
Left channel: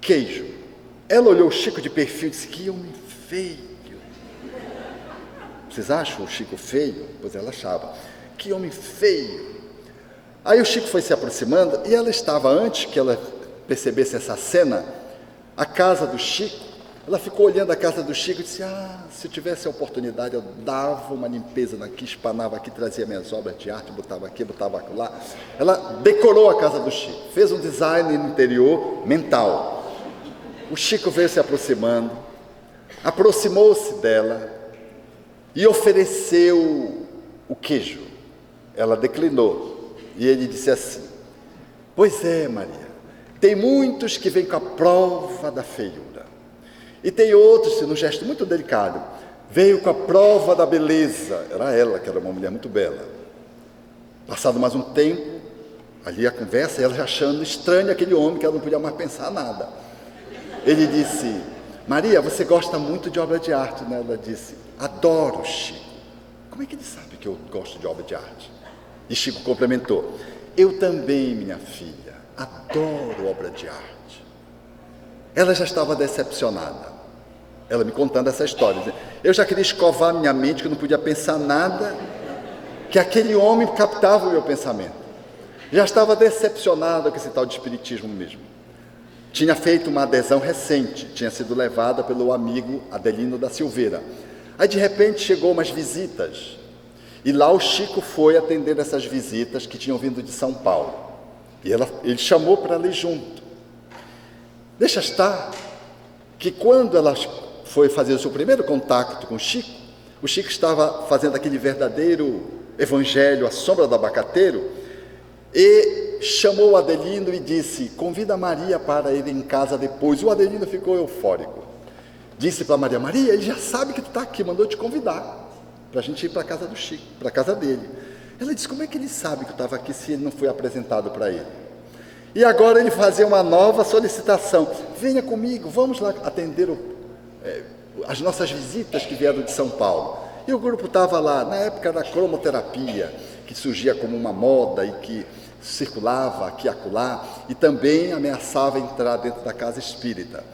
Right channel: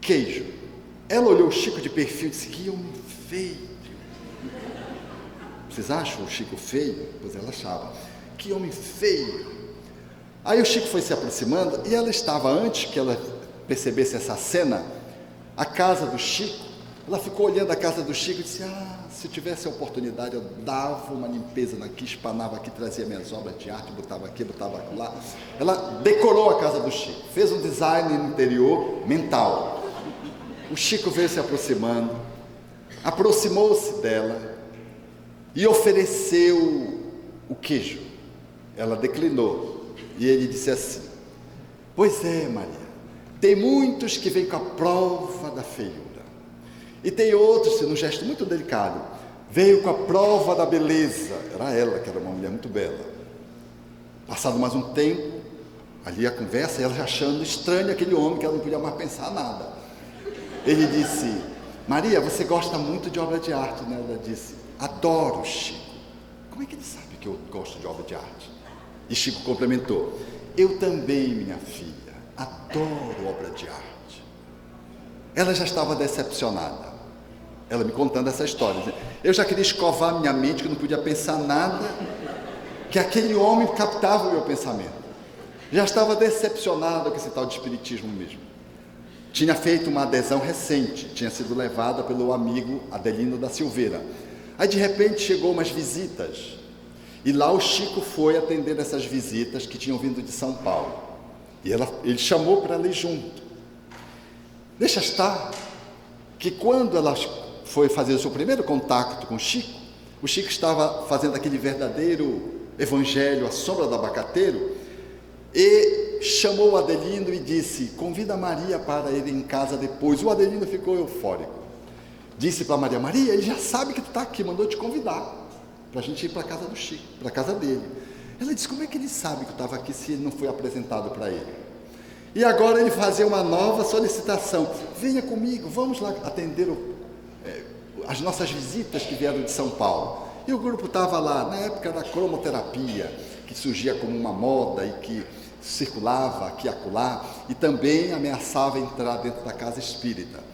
queijo. Ela olhou o Chico de perfil e disse, que homem feio. Vocês acham o Chico feio? Pois ela achava. Que homem feio. Aí o Chico foi se aproximando e ela estava, antes que ela percebesse essa cena, a casa do Chico. Ela ficou olhando a casa do Chico e disse, se eu tivesse a oportunidade, eu dava uma limpeza aqui, espanava aqui, trazia minhas obras de arte, botava aqui, botava lá. Ela decorou a casa do Chico, fez um design no interior mental. O Chico veio se aproximando, aproximou-se dela e ofereceu o queijo. Ela declinou e ele disse assim, pois é, Maria, tem muitos que vêm com a prova da feiura. E tem outros, num gesto muito delicado, veio com a prova da beleza. Era ela, que era uma mulher muito bela. Passado mais um tempo, ali a conversa, ela já achando estranho aquele homem, que ela não podia mais pensar nada. Ele disse: Maria, você gosta muito de obra de arte, né? Ela disse: adoro, Chico. Como é que ele sabe que eu gosto de obra de arte? E Chico complementou: eu também, minha filha, adoro obra de arte. Ela já estava decepcionada. Ela me contando essa história. Eu já queria escovar minha mente, que eu não podia pensar nada, que aquele homem captava o meu pensamento. Já estava decepcionada com esse tal de espiritismo mesmo. Tinha feito uma adesão recente, tinha sido levada pelo amigo Adelino da Silveira. Aí de repente chegou umas visitas, e lá o Chico foi atender essas visitas que tinham vindo de São Paulo. E ele chamou para ela ir junto. Deixa estar que quando ela foi fazer o seu primeiro contato com o Chico estava fazendo aquele verdadeiro evangelho à sombra do abacateiro, e chamou o Adelino e disse: convida a Maria para ir em casa depois. O Adelino ficou eufórico. Disse para Maria: Maria, ele já sabe que tu está aqui, mandou te convidar para a gente ir para a casa do Chico, para a casa dele. Ela disse: como é que ele sabe que eu estava aqui se ele não foi apresentado para ele? E agora ele fazia uma nova solicitação: venha comigo, vamos lá atender as nossas visitas que vieram de São Paulo. E o grupo estava lá, na época da cromoterapia, que surgia como uma moda e que circulava aqui e acolá, e também ameaçava entrar dentro da casa espírita.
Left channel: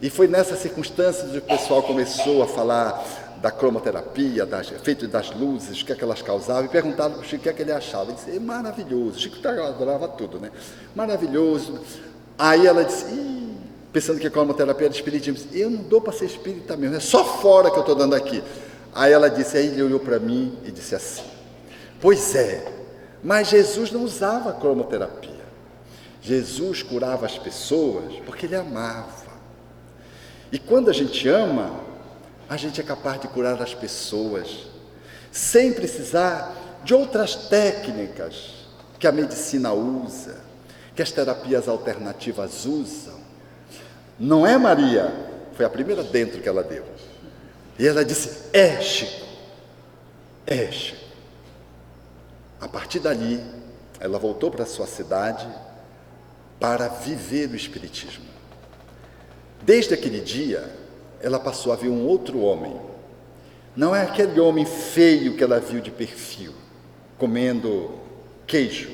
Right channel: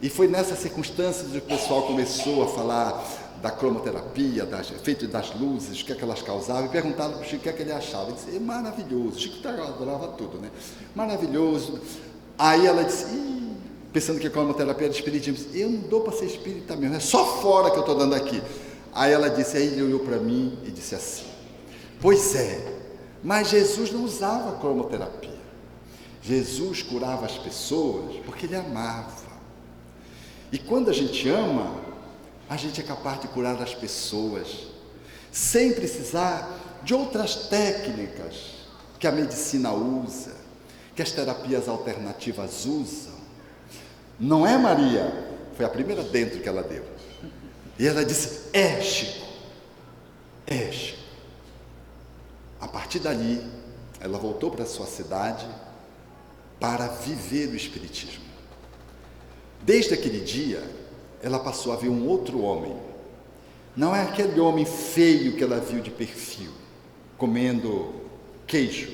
E foi nessas circunstâncias que o pessoal começou a falar da cromoterapia, efeito das luzes, o que é que elas causavam, e perguntaram para o Chico o que é que ele achava. Ele disse: é maravilhoso. O Chico adorava tudo, né? Maravilhoso. Aí ela disse: pensando que a cromoterapia era espiritismo, eu não dou para ser espírita mesmo, é só fora que eu estou dando aqui. Aí ela disse, aí ele olhou para mim e disse assim: pois é, mas Jesus não usava cromoterapia. Jesus curava as pessoas porque ele amava. E quando a gente ama, a gente é capaz de curar as pessoas, sem precisar de outras técnicas que a medicina usa, que as terapias alternativas usam. Não é, Maria? Foi a primeira dentro que ela deu. E ela disse: é, Chico, é, Chico. A partir dali, ela voltou para a sua cidade para viver o espiritismo. Desde aquele dia, ela passou a ver um outro homem. Não é aquele homem feio que ela viu de perfil, comendo queijo.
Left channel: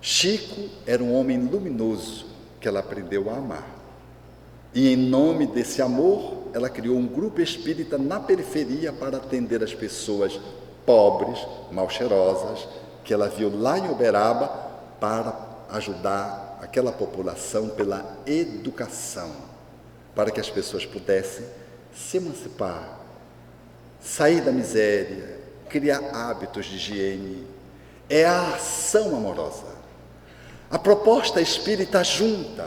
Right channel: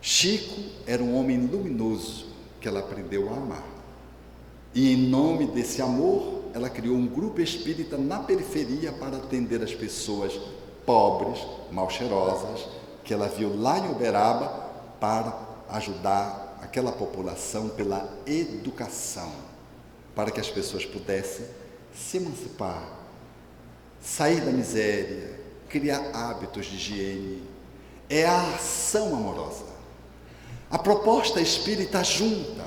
Chico era um homem luminoso que ela aprendeu a amar. E em nome desse amor, ela criou um grupo espírita na periferia para atender as pessoas pobres, mal cheirosas, que ela viu lá em Uberaba, para ajudar aquela população pela educação, para que as pessoas pudessem se emancipar, sair da miséria, criar hábitos de higiene. É a ação amorosa. A proposta espírita junta,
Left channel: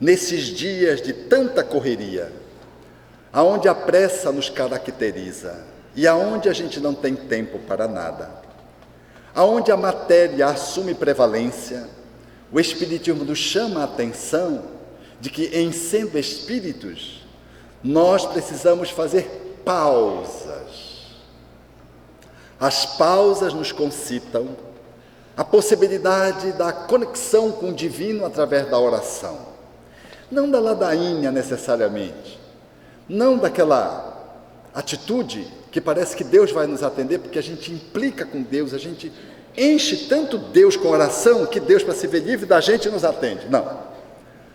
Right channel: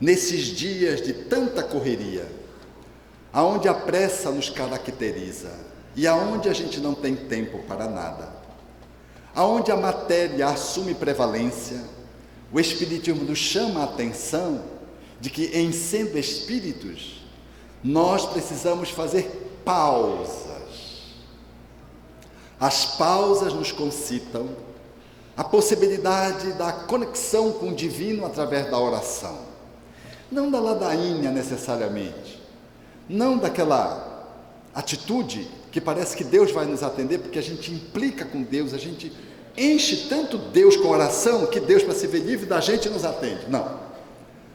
nesses dias de tanta correria, aonde a pressa nos caracteriza e aonde a gente não tem tempo para nada, aonde a matéria assume prevalência, o Espiritismo nos chama a atenção de que, em sendo espíritos, nós precisamos fazer pausas. As pausas nos concitam a possibilidade da conexão com o divino através da oração. Não da ladainha necessariamente, não daquela atitude que parece que Deus vai nos atender, porque a gente implica com Deus, a gente enche tanto Deus com oração, que Deus, para se ver livre da gente, nos atende. Não.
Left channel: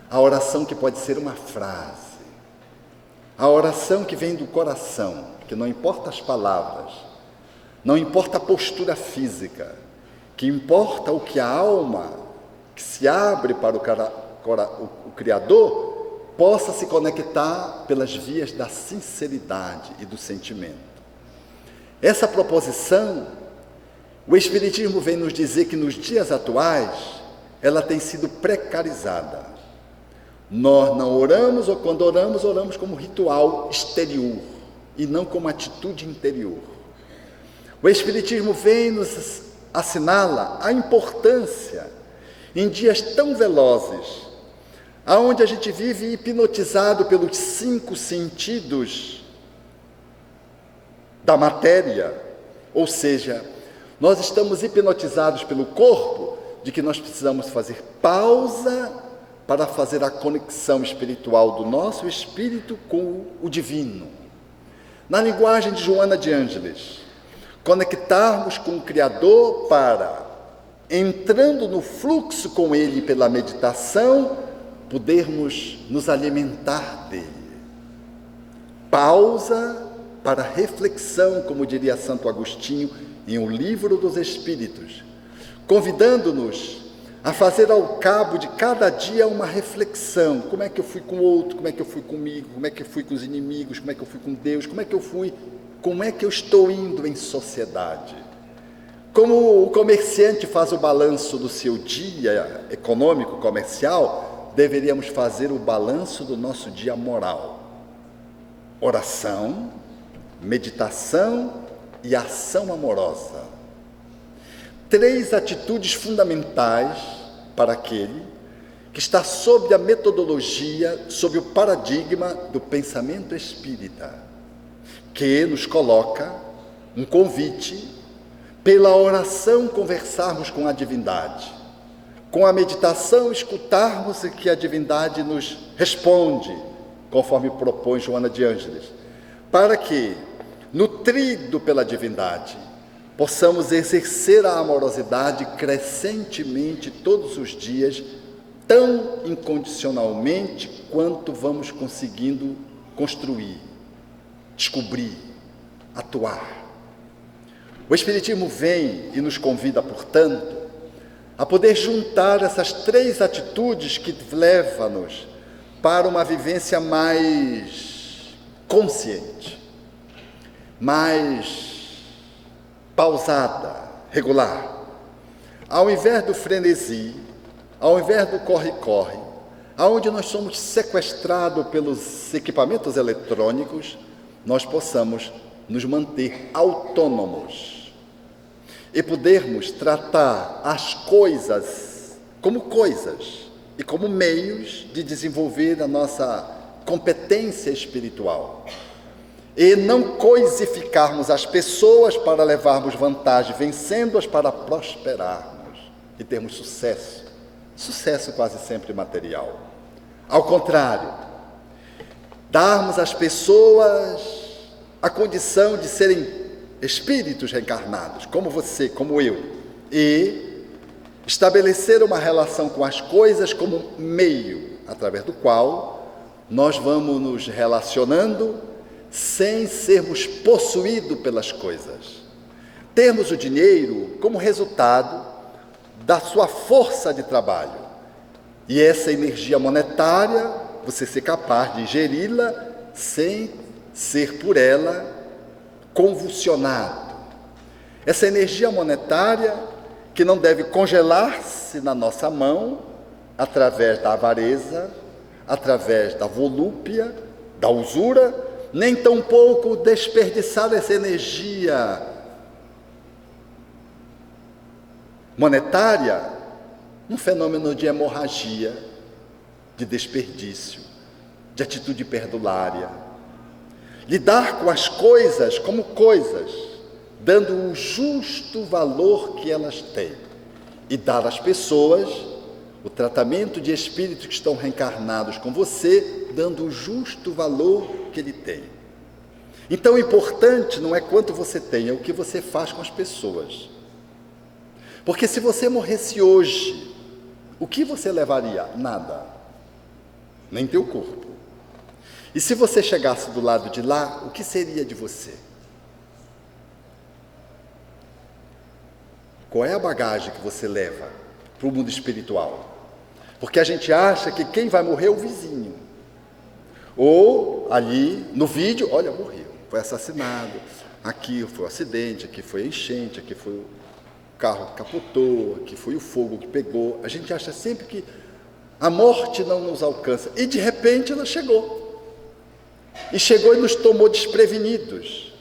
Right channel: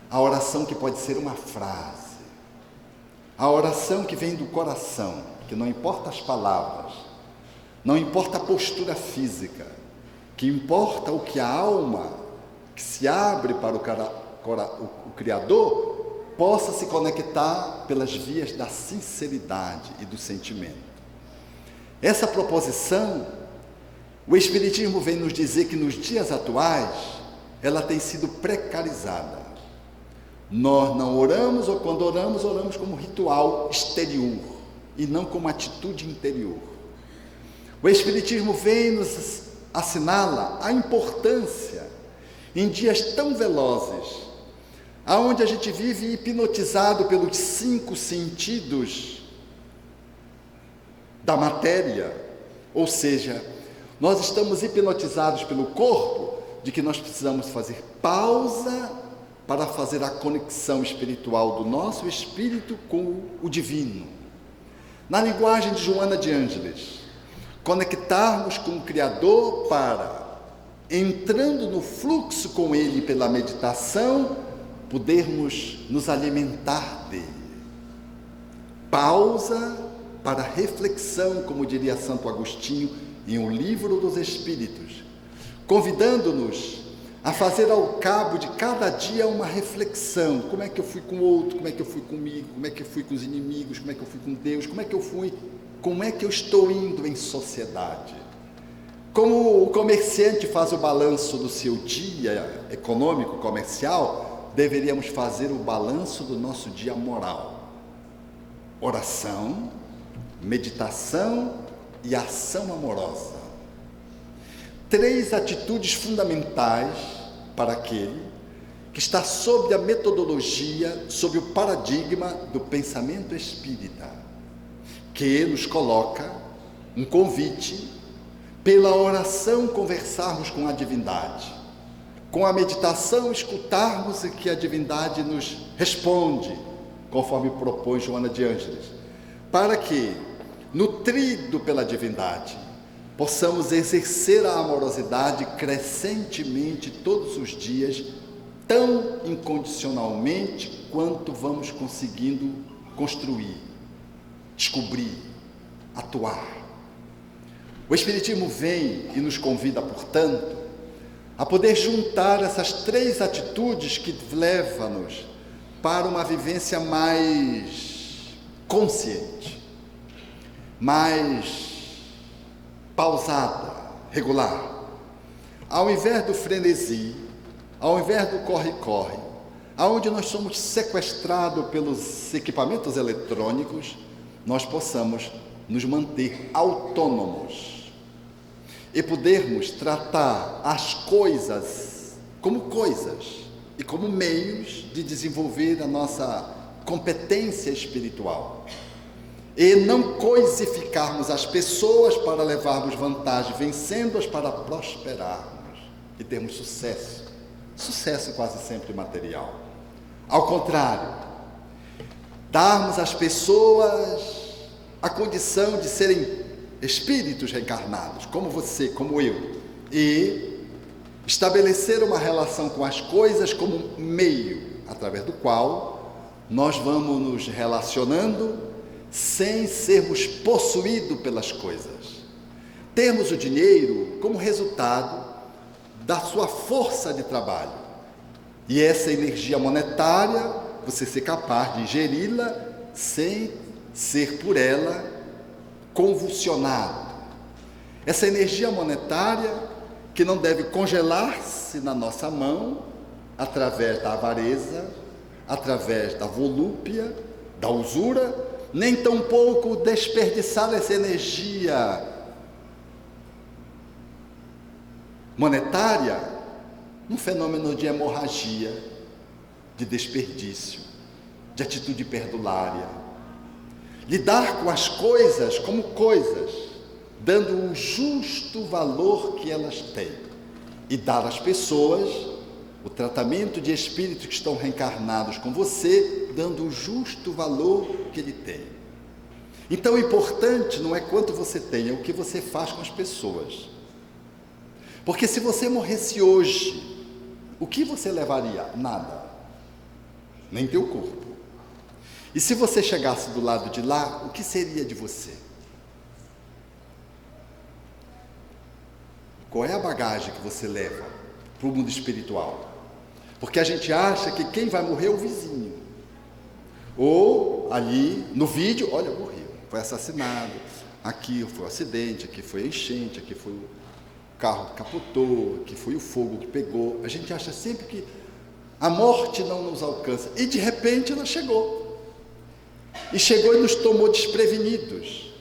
A oração que pode ser uma frase, a oração que vem do coração, que não importa as palavras, não importa a postura física, que importa o que a alma, que se abre para o Criador, possa se conectar pelas vias da sinceridade e do sentimento. Essa proposição, o Espiritismo vem nos dizer que nos dias atuais, ela tem sido precarizada. Nós não oramos, ou quando oramos, oramos como ritual exterior, e não como atitude interior. O Espiritismo vem nos assinala a importância, em dias tão velozes, aonde a gente vive hipnotizado pelos 5 sentidos da matéria, ou seja, nós estamos hipnotizados pelo corpo, de que nós precisamos fazer pausa para fazer a conexão espiritual do nosso espírito com o divino. Na linguagem de Joana de Ângeles, conectarmos com o Criador para, entrando no fluxo com Ele pela meditação, podermos nos alimentar dele. Pausa para reflexão, como diria Santo Agostinho em O Livro dos Espíritos, convidando-nos a fazer ao cabo de cada dia uma reflexão. Como é que eu fui com o outro? Como é que eu fui comigo? Como é que eu fui com os inimigos? Como é que eu fui com Deus? Como é que eu estou indo em sociedade? Como o comerciante faz o balanço do seu dia econômico, comercial, deveríamos fazer o balanço do nosso dia moral. Oração, meditação e ação amorosa. 3 atitudes fundamentais para aquele que está sob a metodologia, sob o paradigma do pensamento espírita, que nos coloca um convite, pela oração conversarmos com a divindade, com a meditação escutarmos o que a divindade nos responde, conforme propõe Joana de Ângeles, para que, nutrido pela divindade, possamos exercer a amorosidade crescentemente todos os dias, tão incondicionalmente quanto vamos conseguindo construir, descobrir, atuar. O Espiritismo vem e nos convida, portanto, a poder juntar essas 3 atitudes que levam-nos para uma vivência mais consciente, mais pausada, regular. Ao invés do frenesi, ao invés do corre-corre, aonde nós somos sequestrados pelos equipamentos eletrônicos, nós possamos nos manter autônomos e podermos tratar as coisas e como meios de desenvolver a nossa competência espiritual. E não coisificarmos as pessoas para levarmos vantagem, vencendo-as para prosperarmos e termos sucesso. Sucesso quase sempre material. Ao contrário, darmos às pessoas a condição de serem espíritos reencarnados, como você, como eu, e estabelecer uma relação com as coisas como meio, através do qual nós vamos nos relacionando sem sermos possuídos pelas coisas. Termos o dinheiro como resultado da sua força de trabalho. E essa energia monetária, você ser capaz de ingeri-la sem ser por ela convulsionado. Essa energia monetária que não deve congelar-se na nossa mão através da avareza, através da volúpia, da usura, nem tampouco desperdiçar essa energia monetária num fenômeno de hemorragia, de desperdício, de atitude perdulária. Lidar com as coisas como coisas, dando o justo valor que elas têm, e dar às pessoas o tratamento de espíritos que estão reencarnados com você, dando o justo valor que ele tem. Então, o importante não é quanto você tem, é o que você faz com as pessoas. Porque se você morresse hoje, o que você levaria? Nada. Nem teu corpo. E se você chegasse do lado de lá, o que seria de você? Qual é a bagagem que você leva para o mundo espiritual? Porque a gente acha que quem vai morrer é o vizinho. Ou ali no vídeo, olha, morreu, foi assassinado, aqui foi um acidente, aqui foi a enchente, aqui foi o carro que capotou, aqui foi o fogo que pegou. A gente acha sempre que a morte não nos alcança. E de repente ela chegou. E chegou e nos tomou desprevenidos.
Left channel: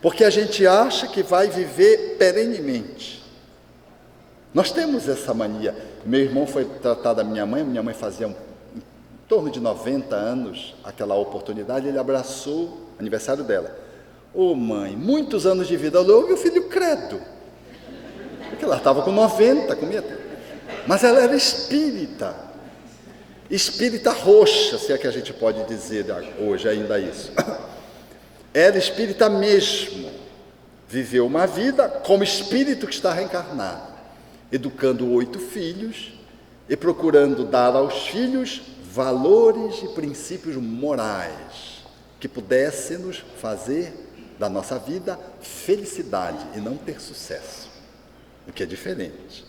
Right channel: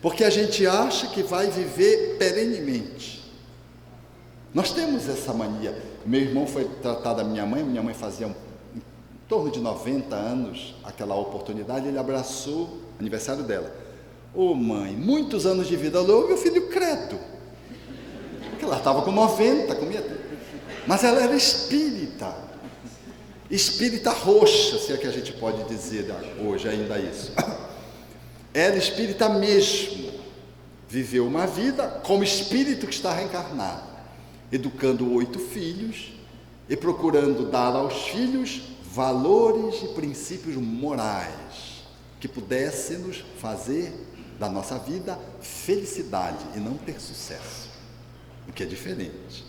Porque a gente acha que vai viver perenemente. Nós temos essa mania. Meu irmão foi tratar da minha mãe fazia em torno de 90 anos, aquela oportunidade, ele abraçou o aniversário dela. Ô mãe, muitos anos de vida. Ô meu filho, credo. Porque ela estava com 90, comia tudo. Mas ela era espírita. espírita roxa, se é que a gente pode dizer hoje ainda isso. Ela, espírita mesmo, viveu uma vida como espírito que está reencarnado, educando 8 filhos e procurando dar aos filhos valores e princípios morais que pudessem nos fazer da nossa vida felicidade e não ter sucesso, o que é diferente.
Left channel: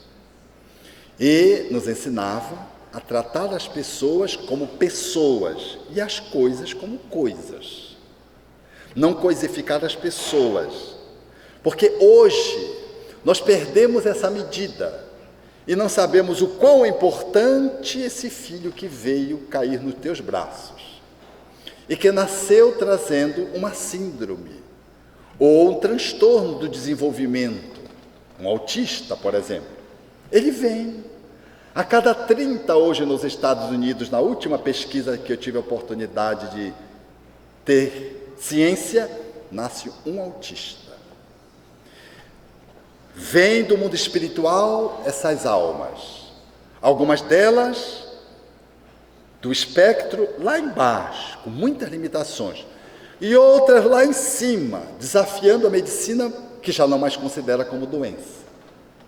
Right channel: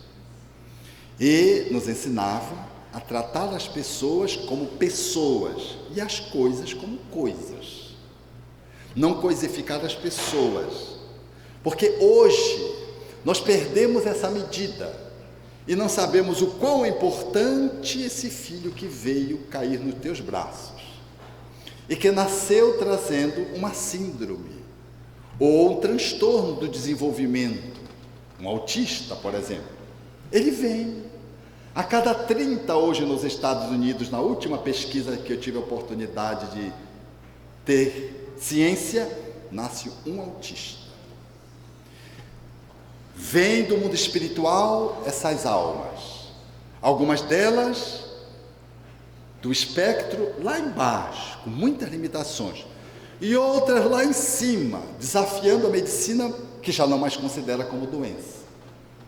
E nos ensinava a tratar as pessoas como pessoas e as coisas como coisas. Não coisificar as pessoas, porque hoje nós perdemos essa medida e não sabemos o quão é importante esse filho que veio cair nos teus braços e que nasceu trazendo uma síndrome ou um transtorno do desenvolvimento. Um autista, por exemplo, ele vem a cada 30 hoje nos Estados Unidos, na última pesquisa que eu tive a oportunidade de ter ciência, nasce um autista. Vem do mundo espiritual essas almas, algumas delas do espectro lá embaixo, com muitas limitações, e outras lá em cima, desafiando a medicina, que já não mais considera como doença,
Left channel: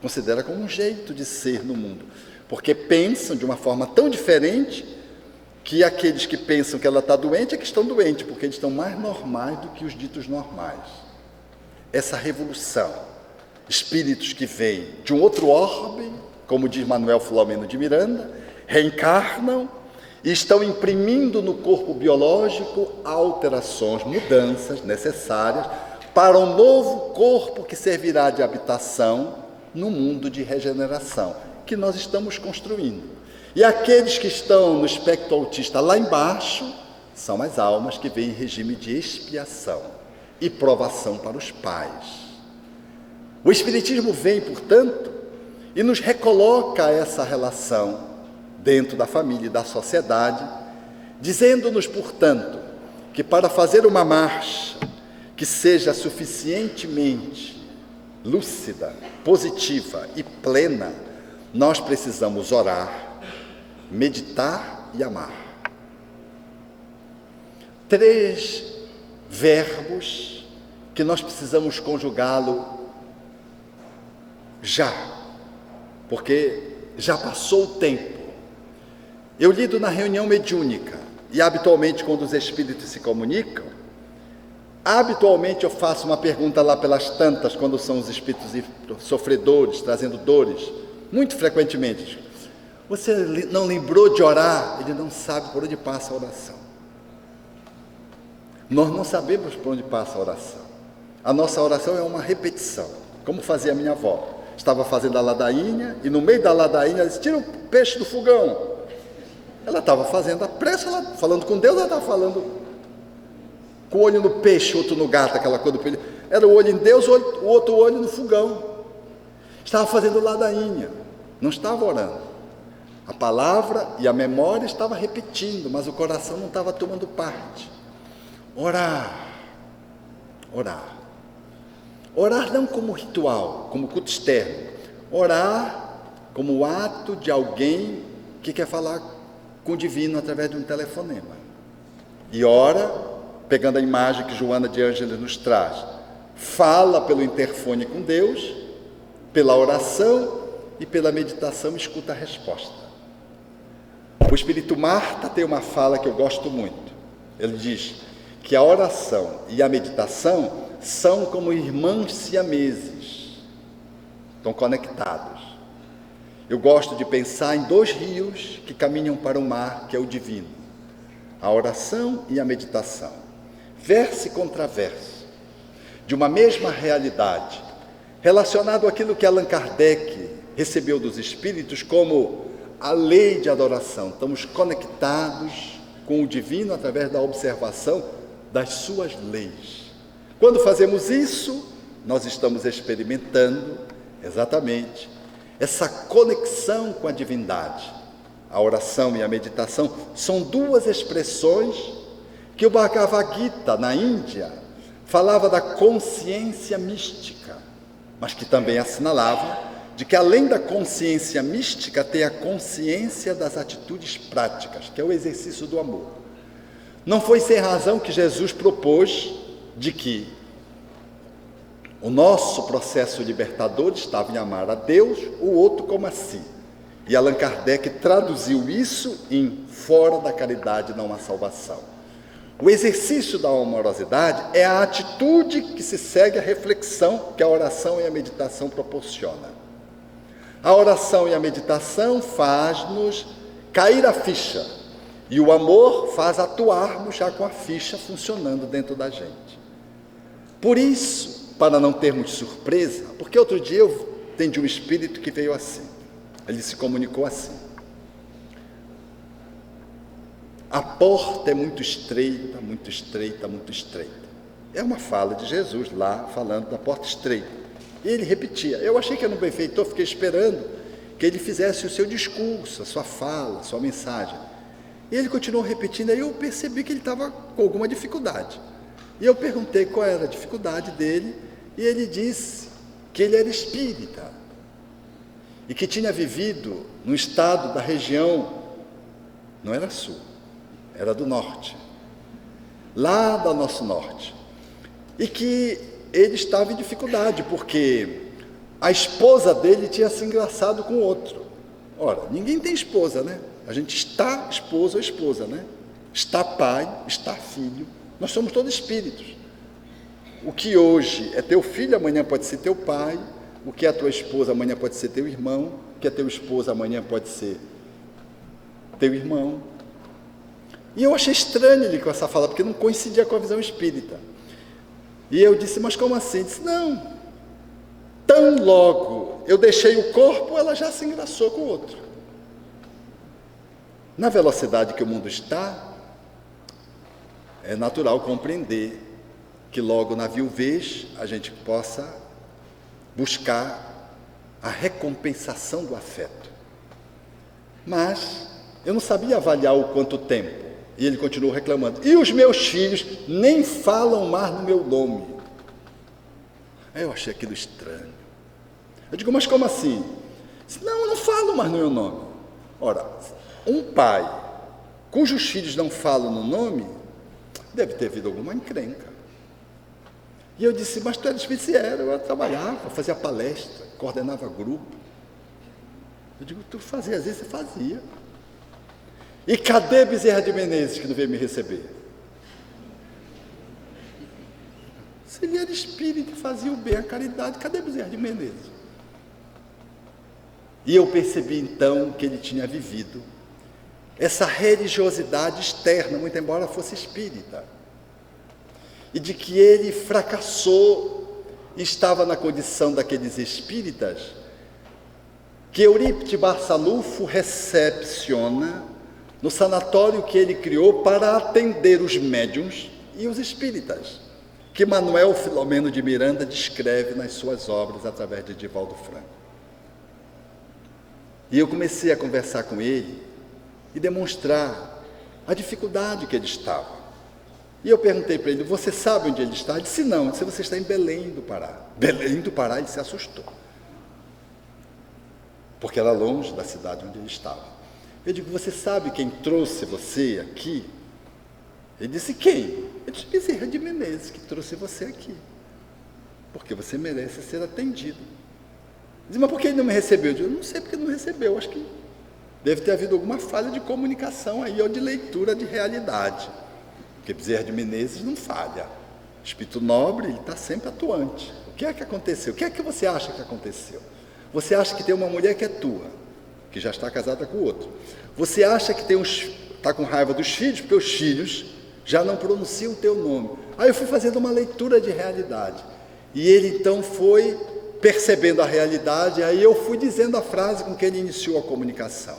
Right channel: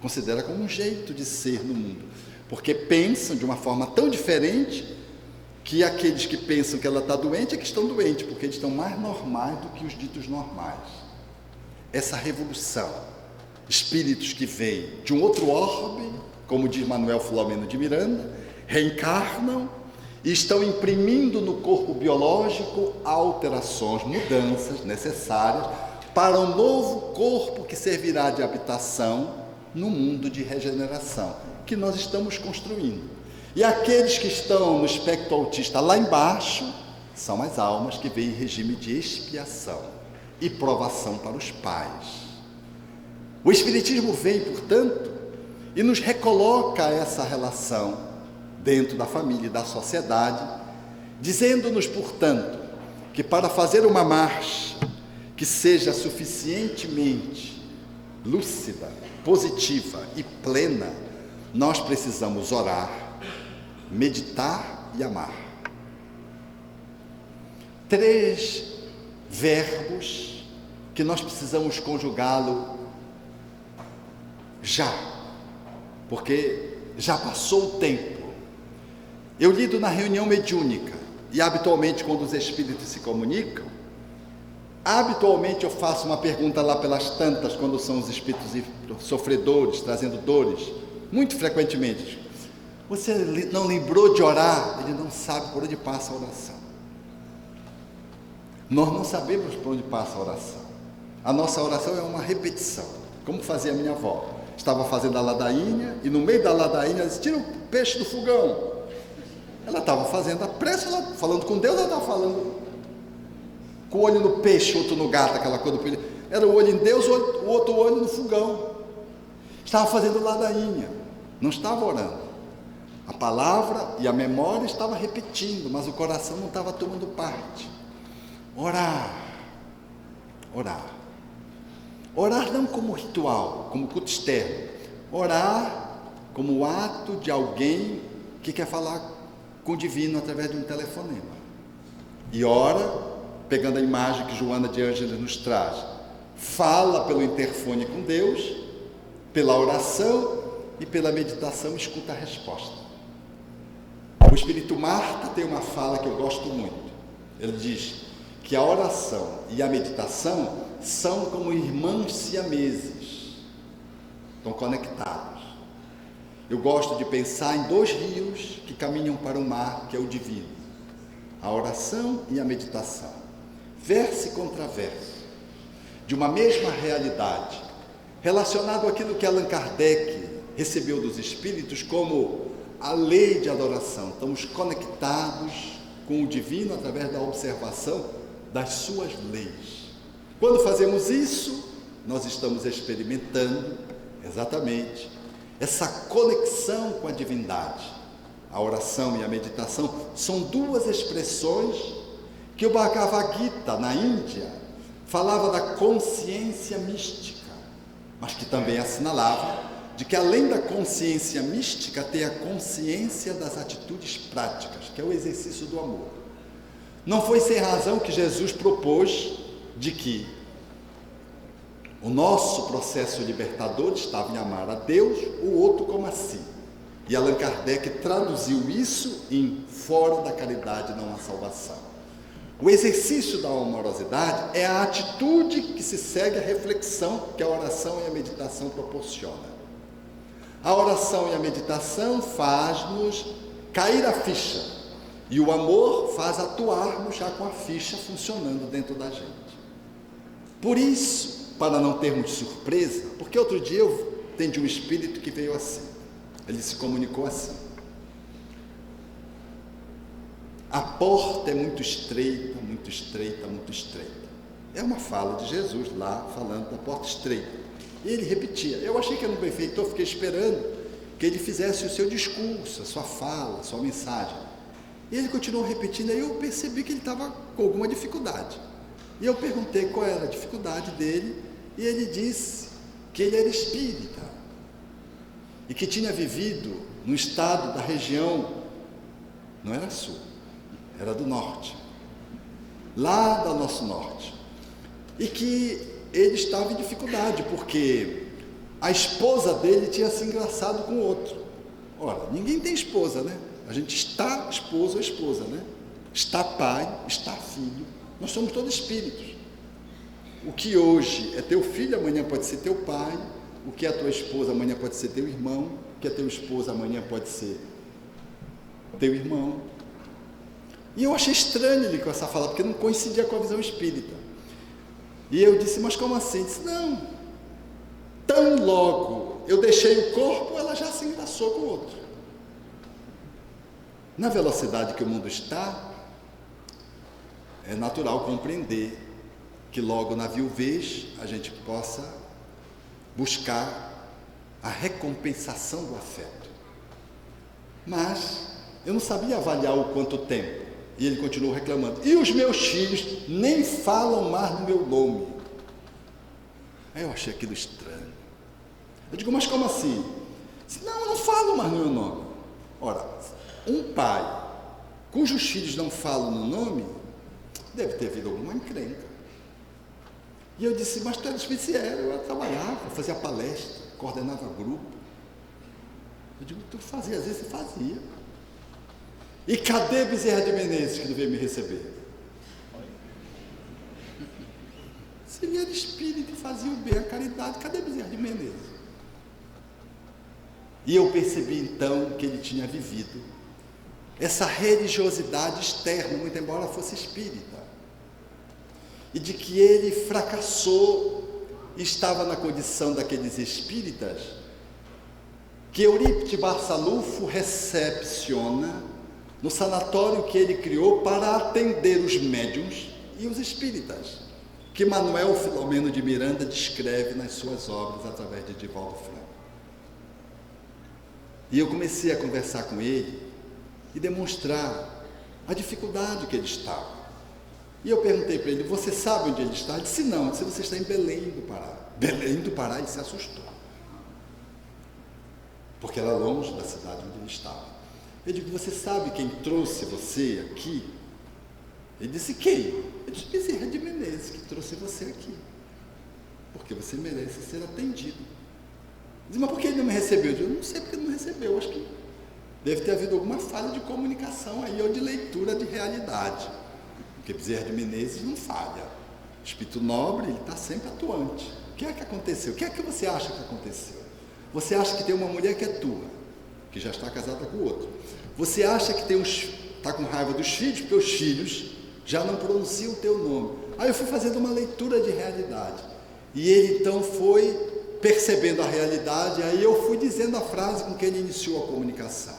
considera como um jeito de ser no mundo, porque pensam de uma forma tão diferente que aqueles que pensam que ela está doente é que estão doentes, porque eles estão mais normais do que os ditos normais. Essa revolução, espíritos que vêm de um outro orbe, como diz Manuel Filomeno de Miranda, reencarnam e estão imprimindo no corpo biológico alterações, mudanças necessárias para um novo corpo que servirá de habitação no mundo de regeneração que nós estamos construindo. E aqueles que estão no espectro autista lá embaixo são as almas que vêm em regime de expiação e provação para os pais. O Espiritismo vem, portanto, e nos recoloca essa relação dentro da família e da sociedade, dizendo-nos, portanto, que para fazer uma marcha que seja suficientemente lúcida, positiva e plena, nós precisamos orar, meditar e amar. 3 verbos que nós precisamos conjugá-lo já, porque já passou o tempo. Eu lido na reunião mediúnica e habitualmente quando os espíritos se comunicam, habitualmente eu faço uma pergunta lá pelas tantas, quando são os espíritos sofredores, trazendo dores, muito frequentemente. Você não lembrou de orar? Ele não sabe por onde passa a oração. Nós não sabemos por onde passa a oração. A nossa oração é uma repetição, como fazia a minha avó. Estava fazendo a ladainha e no meio da ladainha ela disse: tira o peixe do fogão. Ela estava fazendo a prece, ela falando com Deus, ela estava falando com o olho no peixe, outro no gato, aquela coisa do peixe. Era o olho em Deus, o outro olho no fogão. Estava fazendo ladainha, não estava orando. A palavra e a memória estava repetindo, mas o coração não estava tomando parte. Orar. Orar. Orar não como ritual, como culto externo. Orar como o ato de alguém que quer falar com o divino através de um telefonema. E ora, pegando a imagem que Joana de Ângeles nos traz, fala pelo interfone com Deus, pela oração e pela meditação escuta a resposta. O Espírito Marta tem uma fala que eu gosto muito. Ele diz que a oração e a meditação são como irmãos siameses, estão conectados. Eu gosto de pensar em 2 rios que caminham para o mar, que é o divino, a oração e a meditação, verso e contraverso, de uma mesma realidade, relacionado àquilo que Allan Kardec recebeu dos espíritos como a lei de adoração. Estamos conectados com o divino através da observação das suas leis. Quando fazemos isso, nós estamos experimentando exatamente essa conexão com a divindade. A oração e a meditação são 2 expressões que o Bhagavad Gita, na Índia, falava da consciência mística, mas que também assinalava de que além da consciência mística, tem a consciência das atitudes práticas, que é o exercício do amor. Não foi sem razão que Jesus propôs de que o nosso processo libertador estava em amar a Deus, o outro como a si. E Allan Kardec traduziu isso em fora da caridade não há salvação. O exercício da amorosidade é a atitude que se segue à reflexão que a oração e a meditação proporcionam. A oração e a meditação faz-nos cair a ficha, e o amor faz atuarmos já com a ficha funcionando dentro da gente. Por isso, para não termos surpresa, porque outro dia eu atendi um espírito que veio assim, ele se comunicou assim: a porta é muito estreita, muito estreita, muito estreita. É uma fala de Jesus lá, falando da porta estreita. E ele repetia. Eu achei que era um benfeitor, fiquei esperando que ele fizesse o seu discurso, a sua fala, a sua mensagem. E ele continuou repetindo, aí eu percebi que ele estava com alguma dificuldade. E eu perguntei qual era a dificuldade dele, e ele disse que ele era espírita, e que tinha vivido no estado da região, não era sul, era do norte, lá do nosso norte, e que ele estava em dificuldade, porque a esposa dele tinha se engraçado com outro. Ora, ninguém tem esposa, né? A gente está esposo ou esposa, né? Está pai, está filho, nós somos todos espíritos. O que hoje é teu filho, amanhã pode ser teu pai, o que é a tua esposa, amanhã pode ser teu irmão, o que é teu esposo, amanhã pode ser teu irmão. E eu achei estranho ele com essa fala, porque não coincidia com a visão espírita. E eu disse, mas como assim? Ele disse, não, tão logo eu deixei o corpo, ela já se engraçou com o outro. Na velocidade que o mundo está, é natural compreender que logo na viuvez a gente possa buscar a recompensação do afeto. Mas eu não sabia avaliar o quanto tempo. E ele continuou reclamando. E os meus filhos nem falam mais no meu nome. Aí eu achei aquilo estranho. Eu digo, mas como assim? Disse, não, eu não falo mais no meu nome. Ora, um pai cujos filhos não falam no nome, deve ter havido alguma encrenca. E eu disse, mas tu era espírita? Eu trabalhava, fazia palestra, coordenava grupo. Eu digo, tu fazia, às vezes você fazia. E cadê Bezerra de Menezes que não veio me receber? Se ele era espírita e fazia o bem, a caridade, cadê Bezerra de Menezes? E eu percebi então que ele tinha vivido essa religiosidade externa, muito embora fosse espírita, e de que ele fracassou e estava na condição daqueles espíritas que Eurípides Barçalufo recepciona no sanatório que ele criou para atender os médiuns e os espíritas, que Manuel Filomeno de Miranda descreve nas suas obras através de Divaldo Franco. E eu comecei a conversar com ele e demonstrar a dificuldade que ele estava. E eu perguntei para ele, você sabe onde ele está? Ele disse, não. Eu disse, você está em Belém do Pará. Belém do Pará, ele se assustou, porque era longe da cidade onde ele estava. Eu digo, você sabe quem trouxe você aqui? Ele disse, quem? Eu disse, Bezerra de Menezes, que trouxe você aqui, porque você merece ser atendido. Ele disse, mas por que ele não me recebeu? Eu digo, não sei porque ele não recebeu, acho que deve ter havido alguma falha de comunicação aí, ou de leitura de realidade, porque Bezerra de Menezes não falha. Espírito nobre, ele está sempre atuante. O que é que aconteceu? O que é que você acha que aconteceu? Você acha que tem uma mulher que é tua, que já está casada com o outro. Você acha que está com raiva dos filhos, porque os filhos já não pronunciam o teu nome. Aí eu fui fazendo uma leitura de realidade. E ele então foi percebendo a realidade, aí eu fui dizendo a frase com que ele iniciou a comunicação.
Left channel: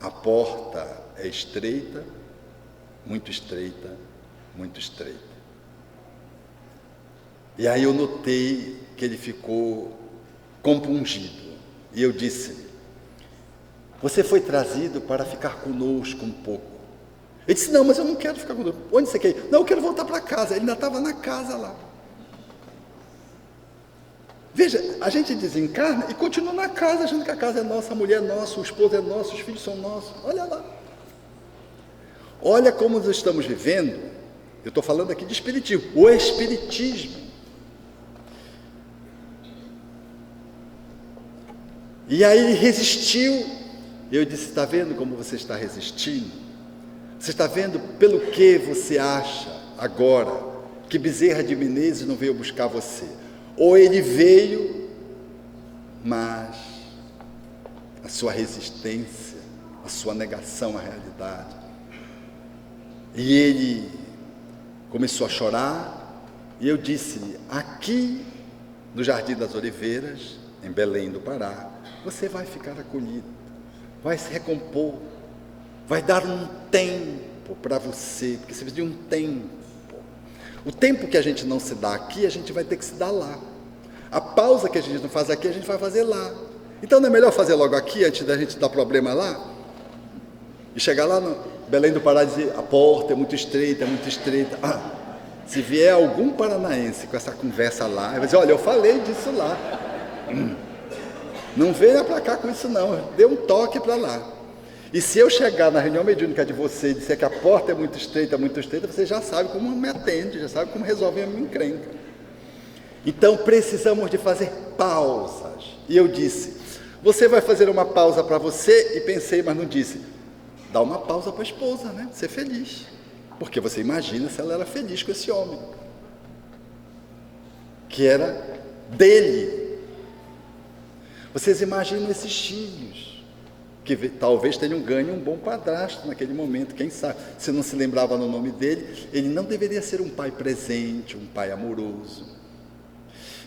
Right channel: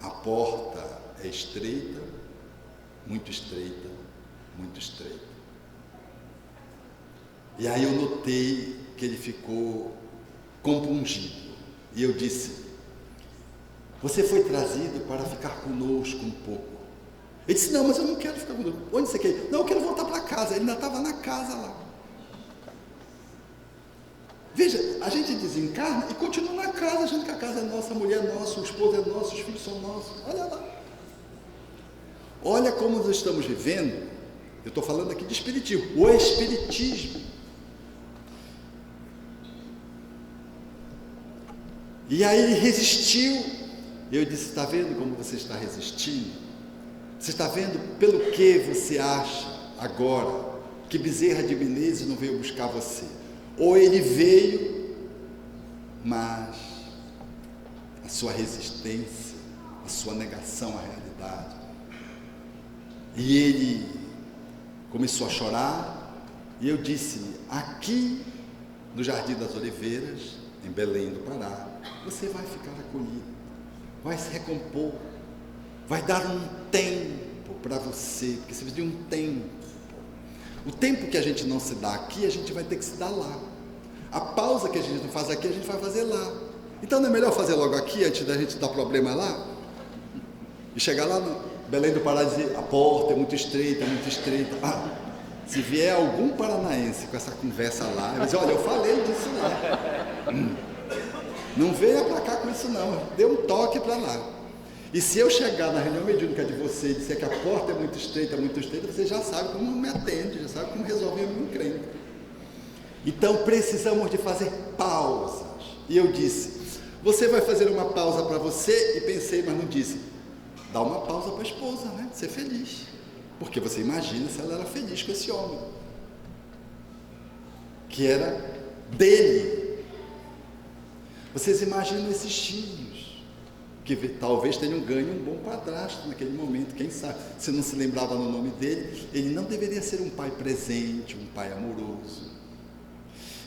A porta é estreita, muito estreita, muito estreita. E aí eu notei que ele ficou compungido. E eu disse, você foi trazido para ficar conosco um pouco. Ele disse, não, mas eu não quero ficar conosco. Onde você quer ir? Não, eu quero voltar para casa. Ele ainda estava na casa lá. Veja, a gente desencarna e continua na casa, achando que a casa é nossa, a mulher é nossa, o esposo é nosso, os filhos são nossos. Olha lá. Olha como nós estamos vivendo. Eu estou falando aqui de espiritismo, o espiritismo. E aí ele resistiu. Eu disse, está vendo como você está resistindo? Você está vendo pelo que você acha agora que Bezerra de Menezes não veio buscar você? Ou ele veio, mas a sua resistência, a sua negação à realidade. E ele começou a chorar, e eu disse-lhe, aqui no Jardim das Oliveiras, em Belém do Pará, você vai ficar acolhido, vai se recompor, vai dar um tempo para você, porque você precisa de um tempo. O tempo que a gente não se dá aqui, a gente vai ter que se dar lá. A pausa que a gente não faz aqui, a gente vai fazer lá. Então não é melhor fazer logo aqui, antes da gente dar problema lá? E chegar lá no Belém do Pará e dizer, a porta é muito estreita, é muito estreita. Se vier algum paranaense com essa conversa lá, vai dizer, olha, eu falei disso lá. Não venha para cá com isso não, dê um toque para lá. E se eu chegar na reunião mediúnica de você e disser que a porta é muito estreita, você já sabe como me atende, já sabe como resolve a minha encrenca. Então precisamos de fazer pausas. E eu disse, você vai fazer uma pausa para você? E pensei, mas não disse, dá uma pausa para a esposa, né? Ser feliz. Porque você imagina se ela era feliz com esse homem, que era dele. Vocês imaginam esses filhos, que talvez tenham ganho um bom padrasto naquele momento, quem sabe, se não se lembrava no nome dele, ele não deveria ser um pai presente, um pai amoroso.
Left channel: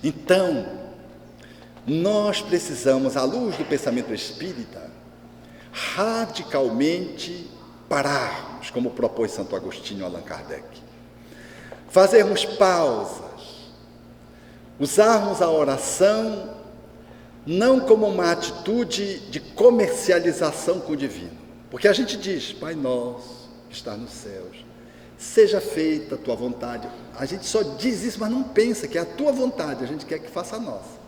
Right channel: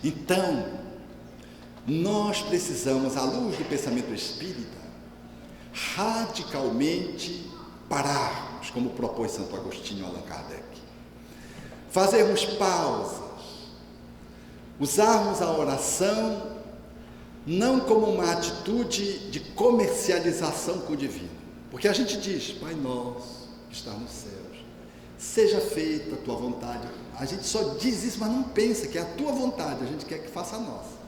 Então, nós precisamos, à luz do pensamento espírita, radicalmente pararmos, como propôs Santo Agostinho Allan Kardec, fazermos pausas, usarmos a oração não como uma atitude de comercialização com o divino, porque a gente diz, Pai nosso que está nos céus, seja feita a tua vontade. A gente só diz isso, mas não pensa que é a tua vontade, a gente quer que faça a nossa.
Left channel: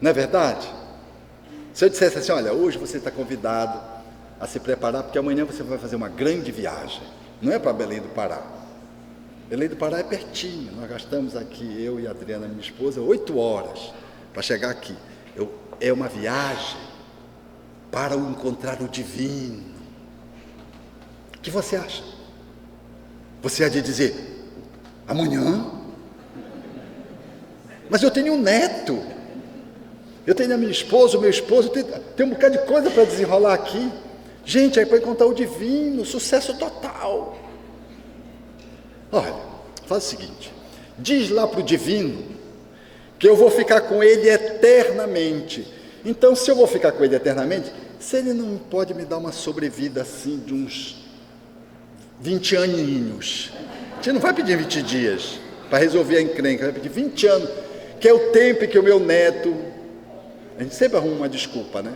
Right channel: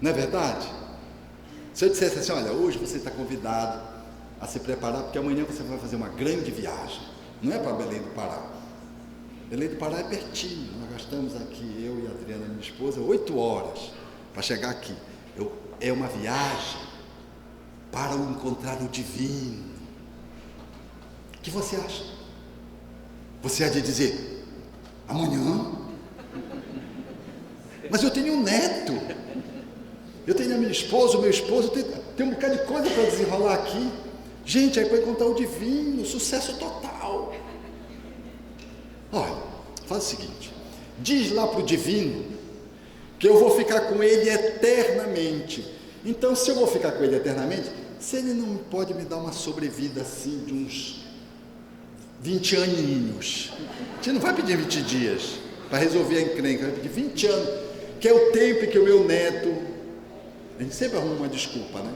Não é verdade? Se eu dissesse assim, olha, hoje você está convidado a se preparar, porque amanhã você vai fazer uma grande viagem, não é para Belém do Pará. Belém do Pará é pertinho, nós gastamos aqui, eu e a Adriana, minha esposa, 8 horas para chegar aqui. É uma viagem para encontrar o divino. O que você acha? Você há de dizer, amanhã? Mas eu tenho um neto, eu tenho a minha esposa, o meu esposo, tem um bocado de coisa para desenrolar aqui. Gente, aí para encontrar o divino, sucesso total. Olha, faz o seguinte, diz lá para o divino que eu vou ficar com ele eternamente. Então, se eu vou ficar com ele eternamente, se ele não pode me dar uma sobrevida assim de uns 20 aninhos, a gente não vai pedir 20 dias para resolver a encrenca, vai pedir 20 anos, que é o tempo que o meu neto... A gente sempre arruma uma desculpa, né?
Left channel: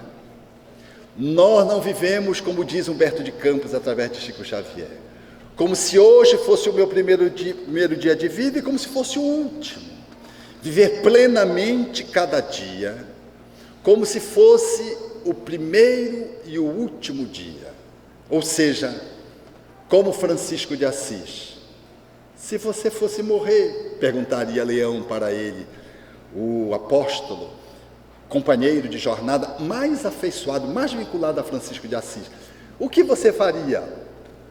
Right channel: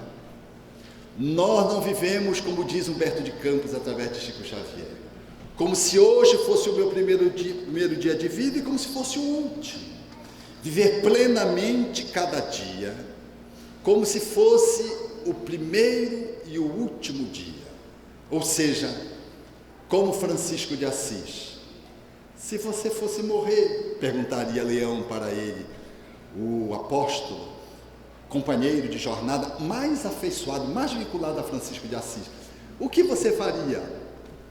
Nós não vivemos, como diz Humberto de Campos, através de Chico Xavier, como se hoje fosse o meu primeiro dia de vida e como se fosse o último. Viver plenamente cada dia, como se fosse o primeiro e o último dia. Ou seja, como Francisco de Assis. Se você fosse morrer, perguntaria Leão para ele, o apóstolo, companheiro de jornada mais afeiçoado, mais vinculado a Francisco de Assis, o que você faria?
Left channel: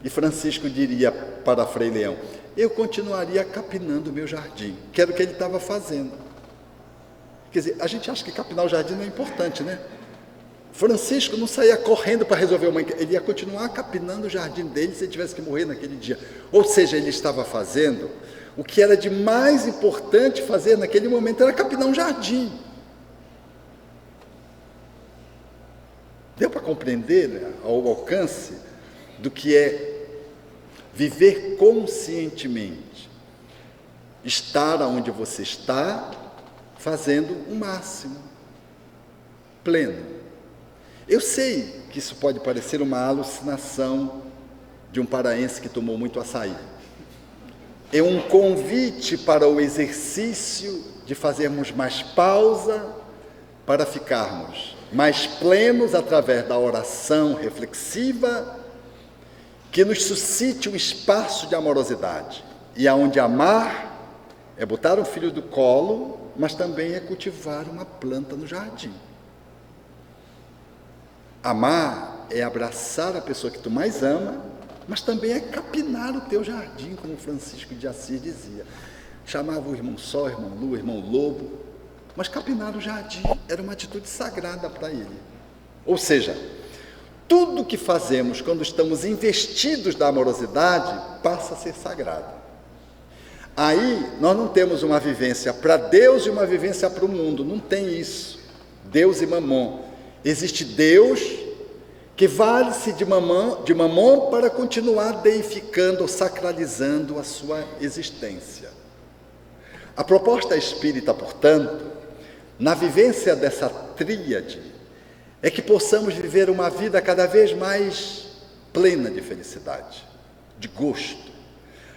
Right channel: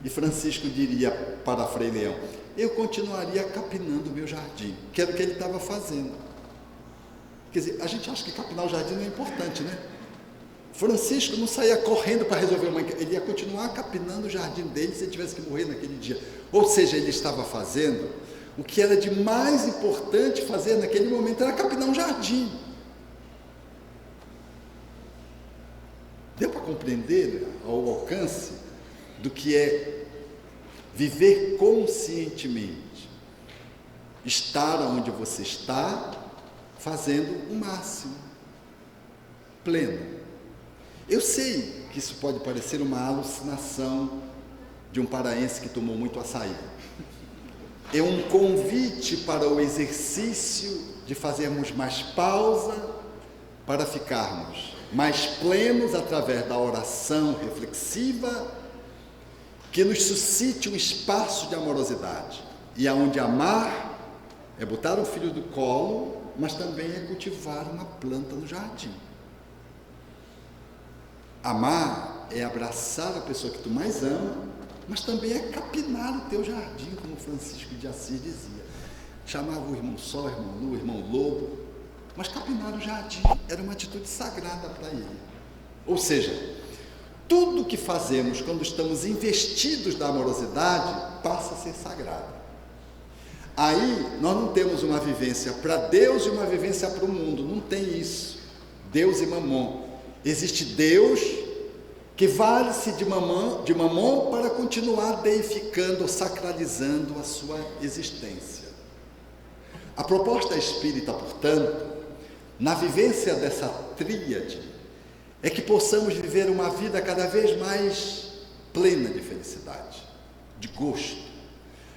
E Francisco diria para Frei Leão, eu continuaria capinando o meu jardim, que era o que ele estava fazendo. Quer dizer, a gente acha que capinar o jardim não é importante, né? Francisco não saía correndo para resolver uma... Ele ia continuar capinando o jardim dele se ele tivesse que morrer naquele dia. Ou seja, ele estava fazendo o que era de mais importante fazer naquele momento, era capinar um jardim. Deu para compreender, né, ao alcance do que é viver conscientemente, estar onde você está, fazendo o máximo, pleno. Eu sei que isso pode parecer uma alucinação de um paraense que tomou muito açaí. É um convite para o exercício de fazermos mais pausa para ficarmos mais plenos através da oração reflexiva que nos suscite um espaço de amorosidade. E aonde amar é botar um filho do colo, mas também é cultivar uma planta no jardim. Amar é abraçar a pessoa que tu mais ama, mas também é capinar o teu jardim, como Francisco de Assis dizia. Chamava o irmão Sol, irmão Lua, irmão Lobo, mas capinar o jardim era uma atitude sagrada para ele. Ou seja, tudo que fazemos quando estamos investidos da amorosidade passa a ser sagrado. Aí nós não temos uma vivência para Deus e uma vivência para o mundo, não tem isso. Deus e Mamon. Existe Deus que vale-se de Mamon para continuar deificando ou sacralizando a sua existência. A proposta espírita, portanto, na vivência dessa tríade, é que possamos viver uma vida cada vez mais plena de felicidade, de gosto,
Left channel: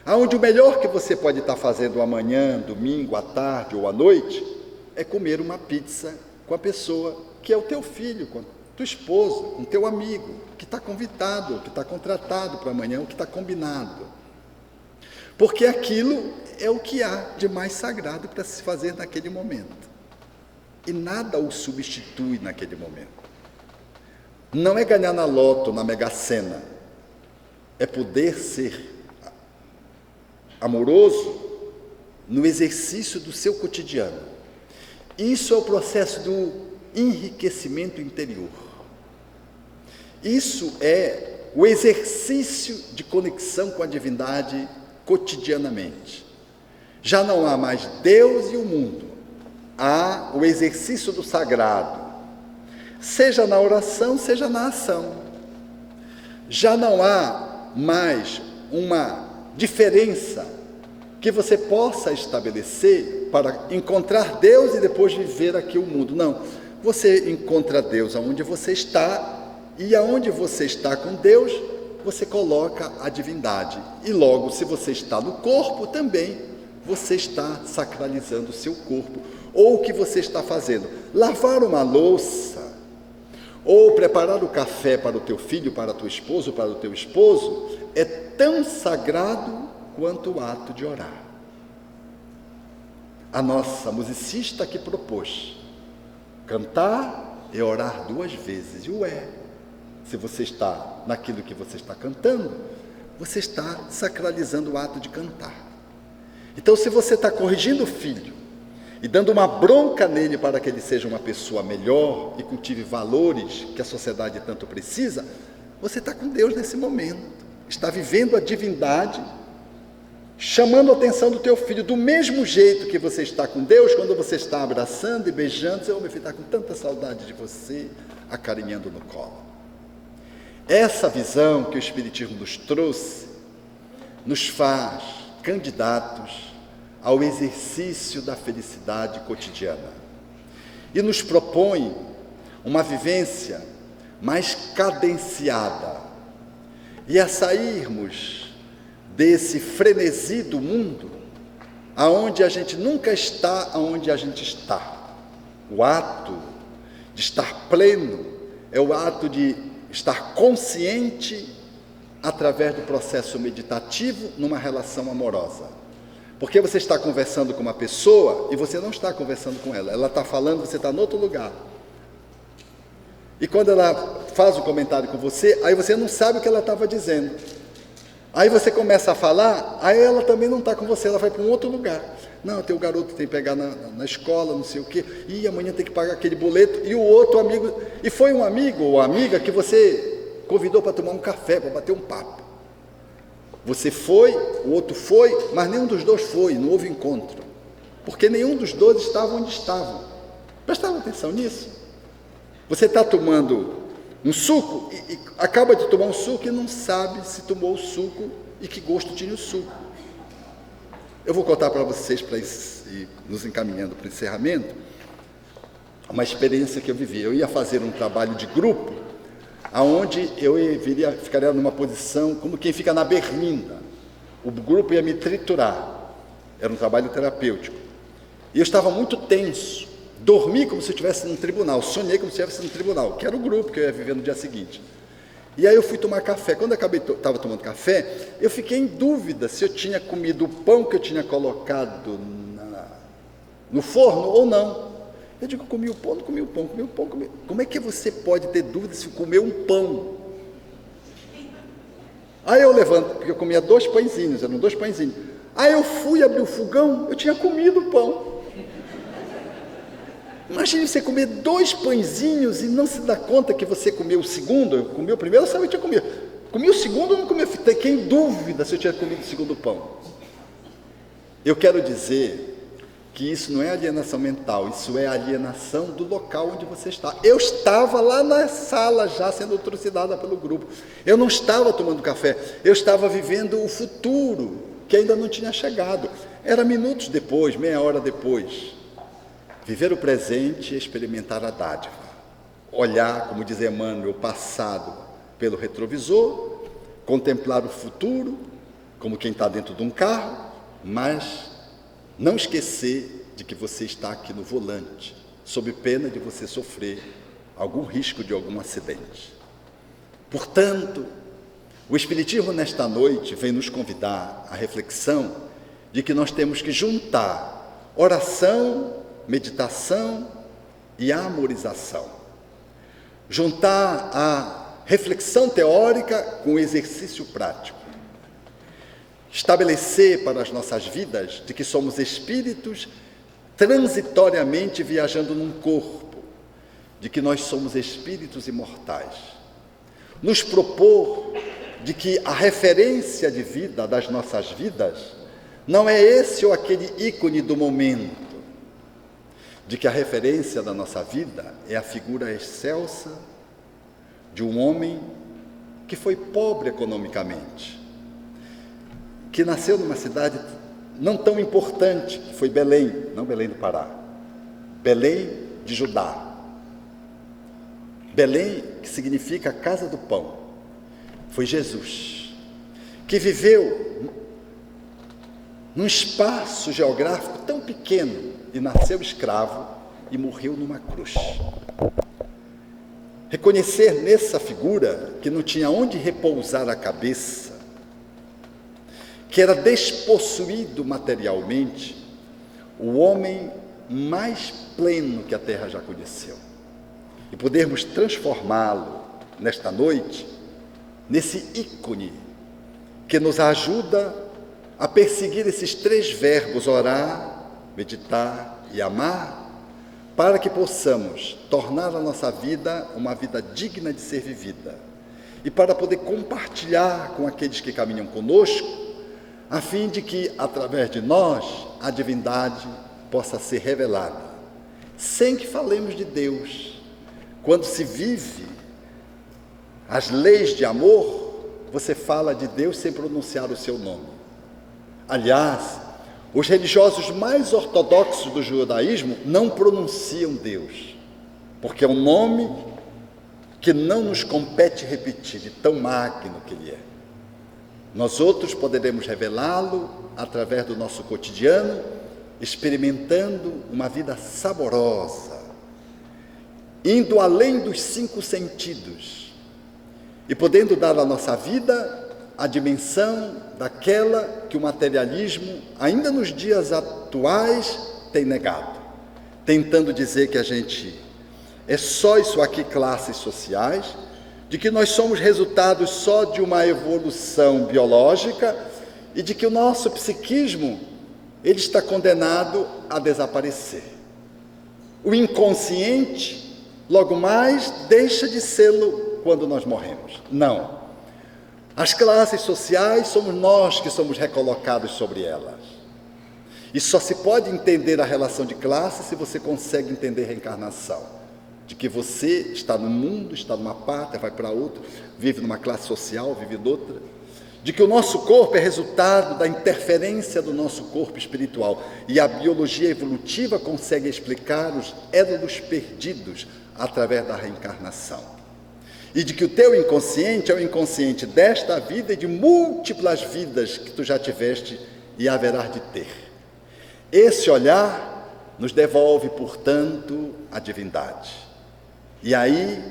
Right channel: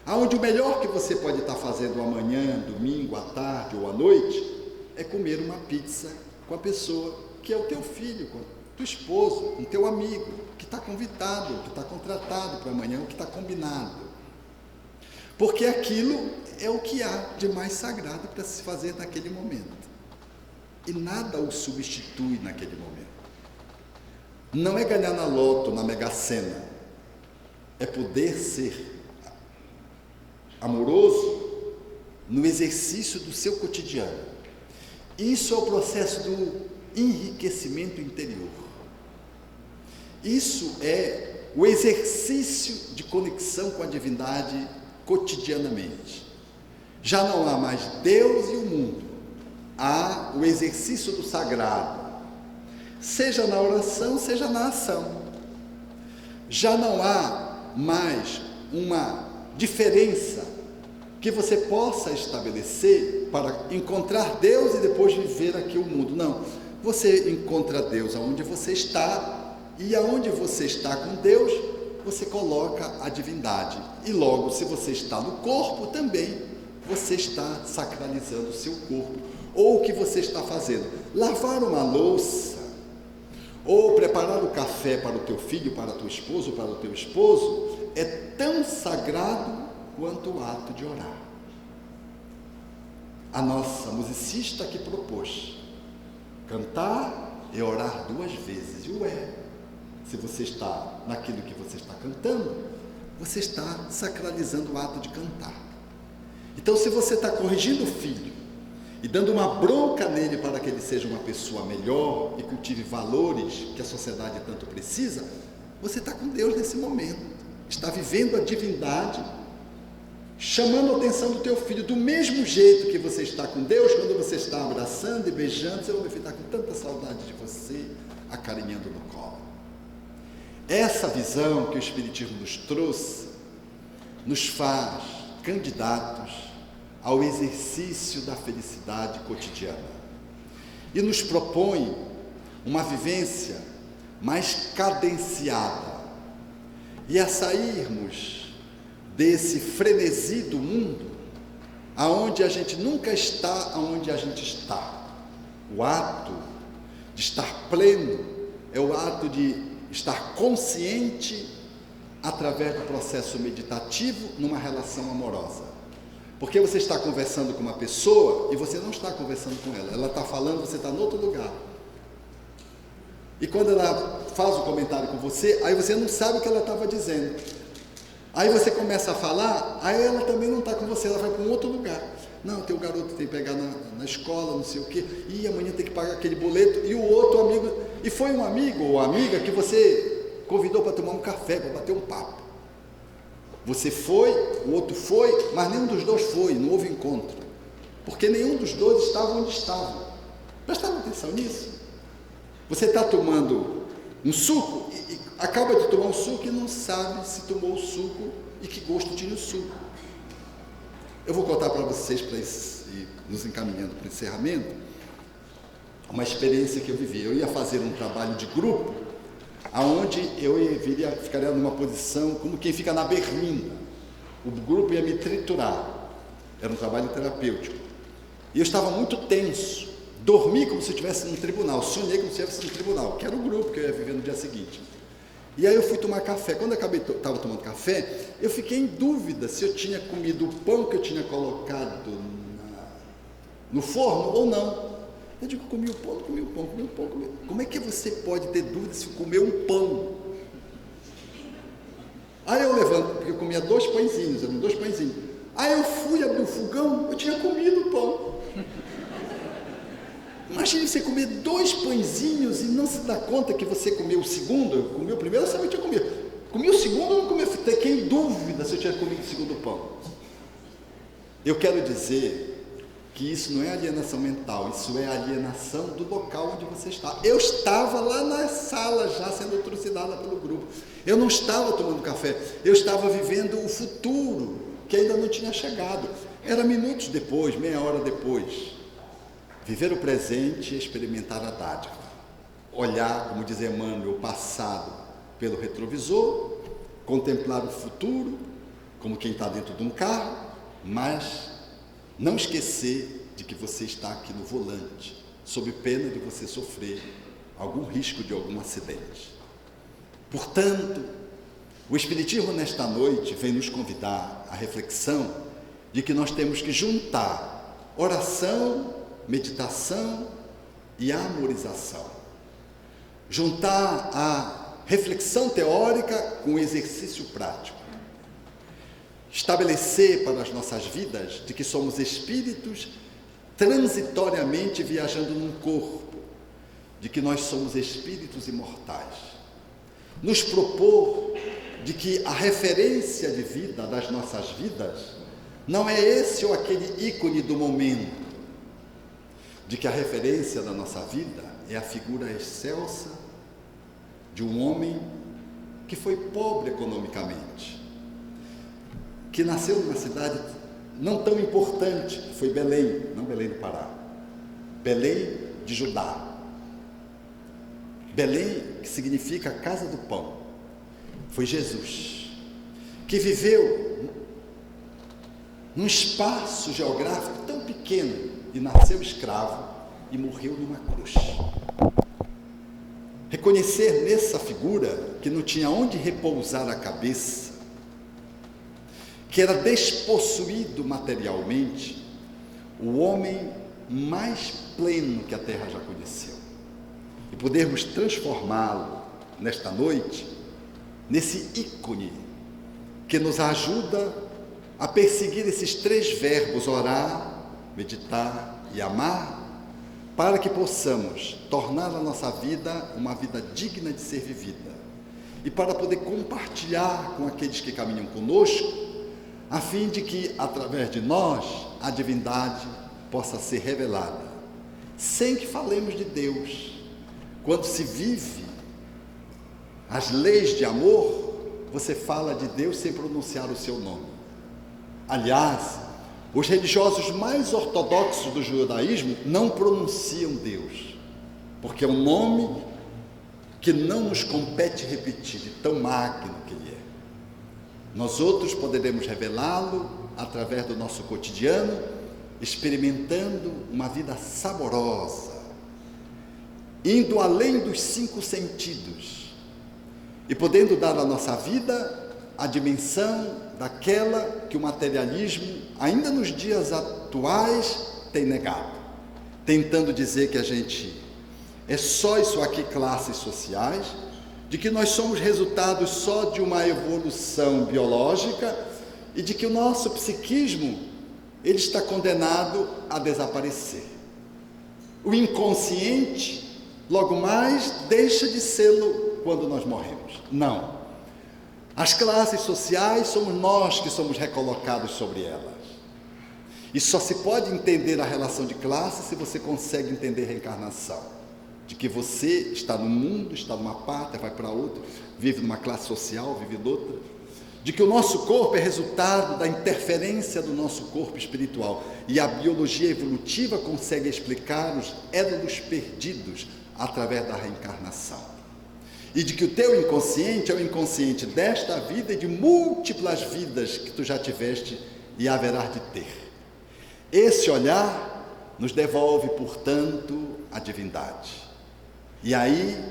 aonde o melhor que você pode estar fazendo amanhã, domingo, à tarde ou à noite, é comer uma pizza com a pessoa que é o teu filho, com a tua esposa, com o teu amigo, que está convidado, que está contratado para amanhã, o que está combinado. Porque aquilo é o que há de mais sagrado para se fazer naquele momento. E nada o substitui naquele momento. Não é ganhar na loto, na Mega Sena. É poder ser amoroso no exercício do seu cotidiano. Isso é o processo do enriquecimento interior. Isso é o exercício de conexão com a divindade cotidianamente. Já não há mais Deus e o mundo, há o exercício do sagrado, seja na oração, seja na ação. Já não há mais uma diferença que você possa estabelecer para encontrar Deus e depois viver aqui o mundo. Não, você encontra Deus aonde você está, e aonde você está com Deus, você coloca a divindade. E logo, se você está no corpo, também você está sacralizando o seu corpo. Ou o que você está fazendo? Lavar uma louça, ou preparar o café para o teu filho, para a tua esposa, ou para o teu esposo, é tão sagrado quanto o ato de orar. A nossa musicista que propôs cantar e orar 2 vezes, e se você está naquilo que você está cantando, você está sacralizando o ato de cantar. Então, se você está corrigindo o filho e dando uma bronca nele para que ele seja uma pessoa melhor e cultive valores que a sociedade tanto precisa, você está com Deus nesse momento, está vivendo a divindade, chamando a atenção do teu filho, do mesmo jeito que você está com Deus, quando você está abraçando e beijando, meu filho está com tanta saudade de você, acarinhando no colo. Essa visão que o Espiritismo nos trouxe, nos faz candidatos ao exercício da felicidade cotidiana e nos propõe uma vivência mais cadenciada e a sairmos desse frenesi do mundo, aonde a gente nunca está aonde a gente está. O ato de estar pleno é o ato de estar consciente através do processo meditativo numa relação amorosa. Porque você está conversando com uma pessoa e você não está conversando com ela. Ela está falando, você está em outro lugar. E quando ela faz o comentário com você, aí você não sabe o que ela estava dizendo. Aí você começa a falar, aí ela também não está com você, ela vai para um outro lugar. Não, tem o garoto que tem que pegar na escola, não sei o quê, e amanhã tem que pagar aquele boleto, e o outro amigo, e foi um amigo ou amiga que você convidou para tomar um café, para bater um papo. Você foi, o outro foi, mas nenhum dos dois foi, não houve encontro, porque nenhum dos dois estava onde estavam. Prestaram atenção nisso? Você está tomando um suco, e acaba de tomar um suco e não sabe se tomou o suco e que gosto tinha o suco. Eu vou contar para vocês, para ir nos encaminhando para o encerramento, uma experiência que eu vivi. Eu ia fazer um trabalho de grupo, aonde eu ficaria numa posição como quem fica na berlinda. O grupo ia me triturar. Era um trabalho terapêutico. E eu estava muito tenso, dormi como se eu estivesse num tribunal, sonhei como se eu estivesse num tribunal, que era o grupo que eu ia viver no dia seguinte. E aí eu fui tomar café. Quando eu estava tomando café, eu fiquei em dúvida se eu tinha comido o pão que eu tinha colocado no forno ou não. Eu digo, comi o pão, não comi o pão, comi o pão, comi. Como é que você pode ter dúvida se comeu um pão? Aí eu levanto, porque eu comia 2 pãezinhos, eram 2 pãezinhos. Aí eu fui abrir o fogão, eu tinha comido o pão. Imagine você comer 2 pãezinhos e não se dar conta que você comeu o segundo. Eu comi o primeiro, eu sabia que tinha comido. Comi o segundo, eu não comi. Fiquei em dúvida se eu tinha comido o segundo pão. Eu quero dizer que isso não é alienação mental, isso é alienação do local onde você está. Eu estava lá na sala já sendo trucidada pelo grupo. Eu não estava tomando café, eu estava vivendo o futuro que ainda não tinha chegado. Era minutos depois, meia hora depois. Viver o presente e experimentar a dádiva. Olhar, como diz Emmanuel, o passado pelo retrovisor, contemplar o futuro como quem está dentro de um carro, mas não esquecer de que você está aqui no volante, sob pena de você sofrer algum risco de algum acidente. Portanto, o Espiritismo nesta noite vem nos convidar à reflexão de que nós temos que juntar oração, meditação e amorização. Juntar a reflexão teórica com o exercício prático. Estabelecer para as nossas vidas de que somos espíritos transitoriamente viajando num corpo, de que nós somos espíritos imortais. Nos propor de que a referência de vida das nossas vidas não é esse ou aquele ícone do momento, de que a referência da nossa vida é a figura excelsa de um homem que foi pobre economicamente, que nasceu numa cidade não tão importante, que foi Belém, não Belém do Pará, Belém de Judá. Belém, que significa casa do pão, foi Jesus, que viveu num espaço geográfico tão pequeno, e nasceu escravo e morreu numa cruz. Reconhecer nessa figura que não tinha onde repousar a cabeça, que era despossuído materialmente, o homem mais pleno que a terra já conheceu, e podermos transformá-lo nesta noite nesse ícone que nos ajuda a perseguir esses 3 verbos: orar, meditar e amar, para que possamos tornar a nossa vida uma vida digna de ser vivida, e para poder compartilhar com aqueles que caminham conosco, a fim de que, através de nós, a divindade possa ser revelada, sem que falemos de Deus. Quando se vive as leis de amor, você fala de Deus sem pronunciar o seu nome. Aliás, os religiosos mais ortodoxos do judaísmo não pronunciam Deus, porque é um nome que não nos compete repetir, de tão magno que Ele é. Nós outros poderemos revelá-lo através do nosso cotidiano, experimentando uma vida saborosa, indo além dos 5 sentidos e podendo dar à nossa vida a dimensão daquela que o materialismo, ainda nos dias atuais, tem negado, tentando dizer que a gente é só isso aqui, classes sociais, de que nós somos resultados só de uma evolução biológica e de que o nosso psiquismo, ele está condenado a desaparecer. O inconsciente, logo mais, deixa de sê-lo quando nós morremos. Não. As classes sociais somos nós que somos recolocados sobre elas. E só se pode entender a relação de classe se você consegue entender a reencarnação. De que você está no mundo, está numa pátria, vai para outra, vive numa classe social, vive noutra. De que o nosso corpo é resultado da interferência do nosso corpo espiritual. E a biologia evolutiva consegue explicar os édolos perdidos através da reencarnação. E de que o teu inconsciente é o inconsciente desta vida e de múltiplas vidas que tu já tiveste e haverás de ter. Esse olhar nos devolve, portanto, a divindade. E aí,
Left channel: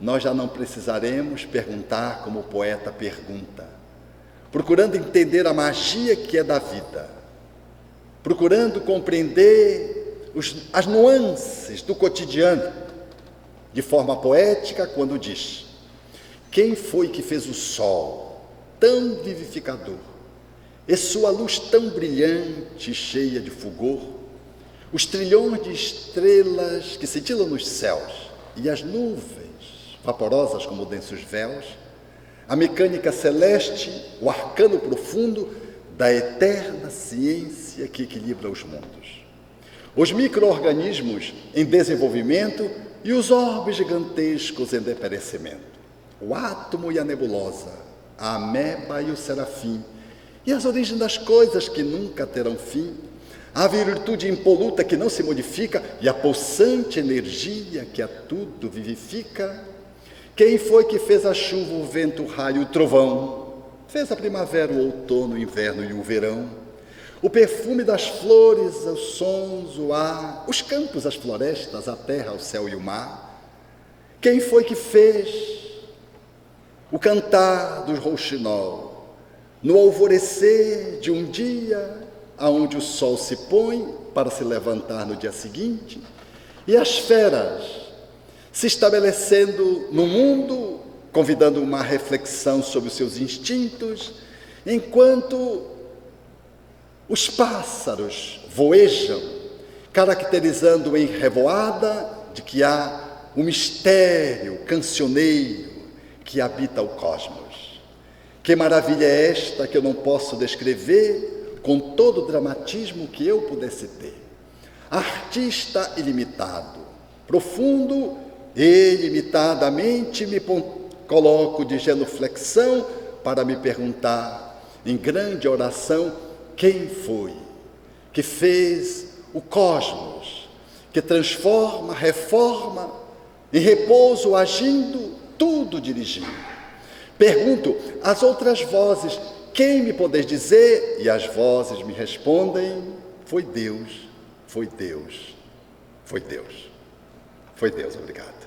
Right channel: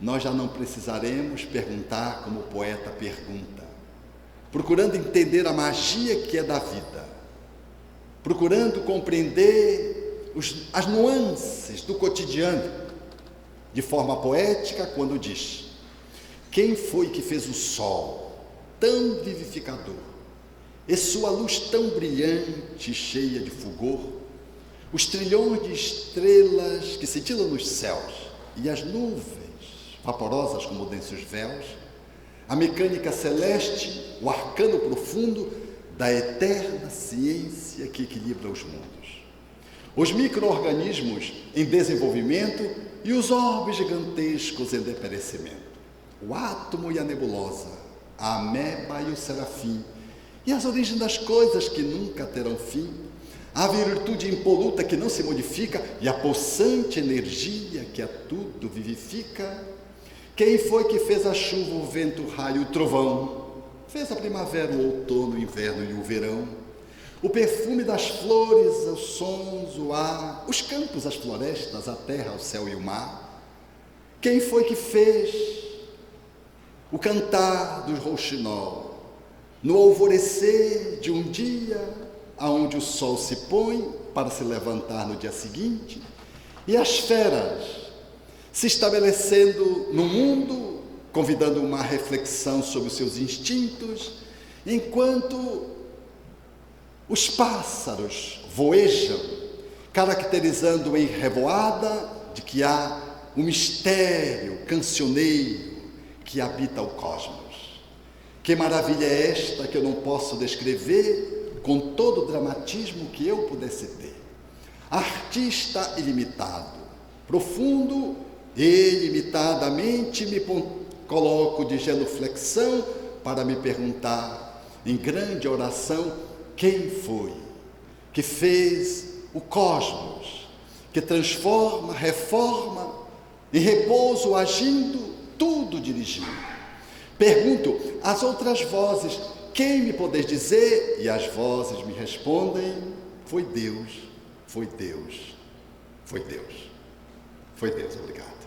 nós já não precisaremos perguntar como o poeta pergunta, procurando entender a magia que é da vida, procurando compreender as nuances do cotidiano, de forma poética, quando diz: quem foi que fez o sol tão vivificador, e sua luz tão brilhante e cheia de fulgor, os trilhões de estrelas que cintilam nos céus, e as nuvens vaporosas como densos véus, a mecânica celeste, o arcano profundo da eterna ciência que equilibra os mundos, os micro-organismos em desenvolvimento e os orbes gigantescos em deperecimento, o átomo e a nebulosa, a ameba e o serafim, e as origens das coisas que nunca terão fim, a virtude impoluta que não se modifica e a pulsante energia que a tudo vivifica. Quem foi que fez a chuva, o vento, o raio e o trovão? Fez a primavera, o outono, o inverno e o verão. O perfume das flores, os sons, o ar, os campos, as florestas, a terra, o céu e o mar. Quem foi que fez o cantar do rouxinol no alvorecer de um dia aonde o sol se põe para se levantar no dia seguinte, e as feras se estabelecendo no mundo, convidando uma reflexão sobre os seus instintos, enquanto os pássaros voejam, caracterizando em revoada de que há um mistério cancioneiro que habita o cosmos. Que maravilha é esta que eu não posso descrever com todo o dramatismo que eu pudesse ter. Artista ilimitado, profundo e ilimitadamente me coloco de genuflexão para me perguntar, em grande oração, quem foi que fez o cosmos, que transforma, reforma, em repouso agindo, tudo dirigindo. Pergunto às outras vozes, quem me podeis dizer? E as vozes me respondem, foi Deus, foi Deus, foi Deus, foi Deus, obrigado.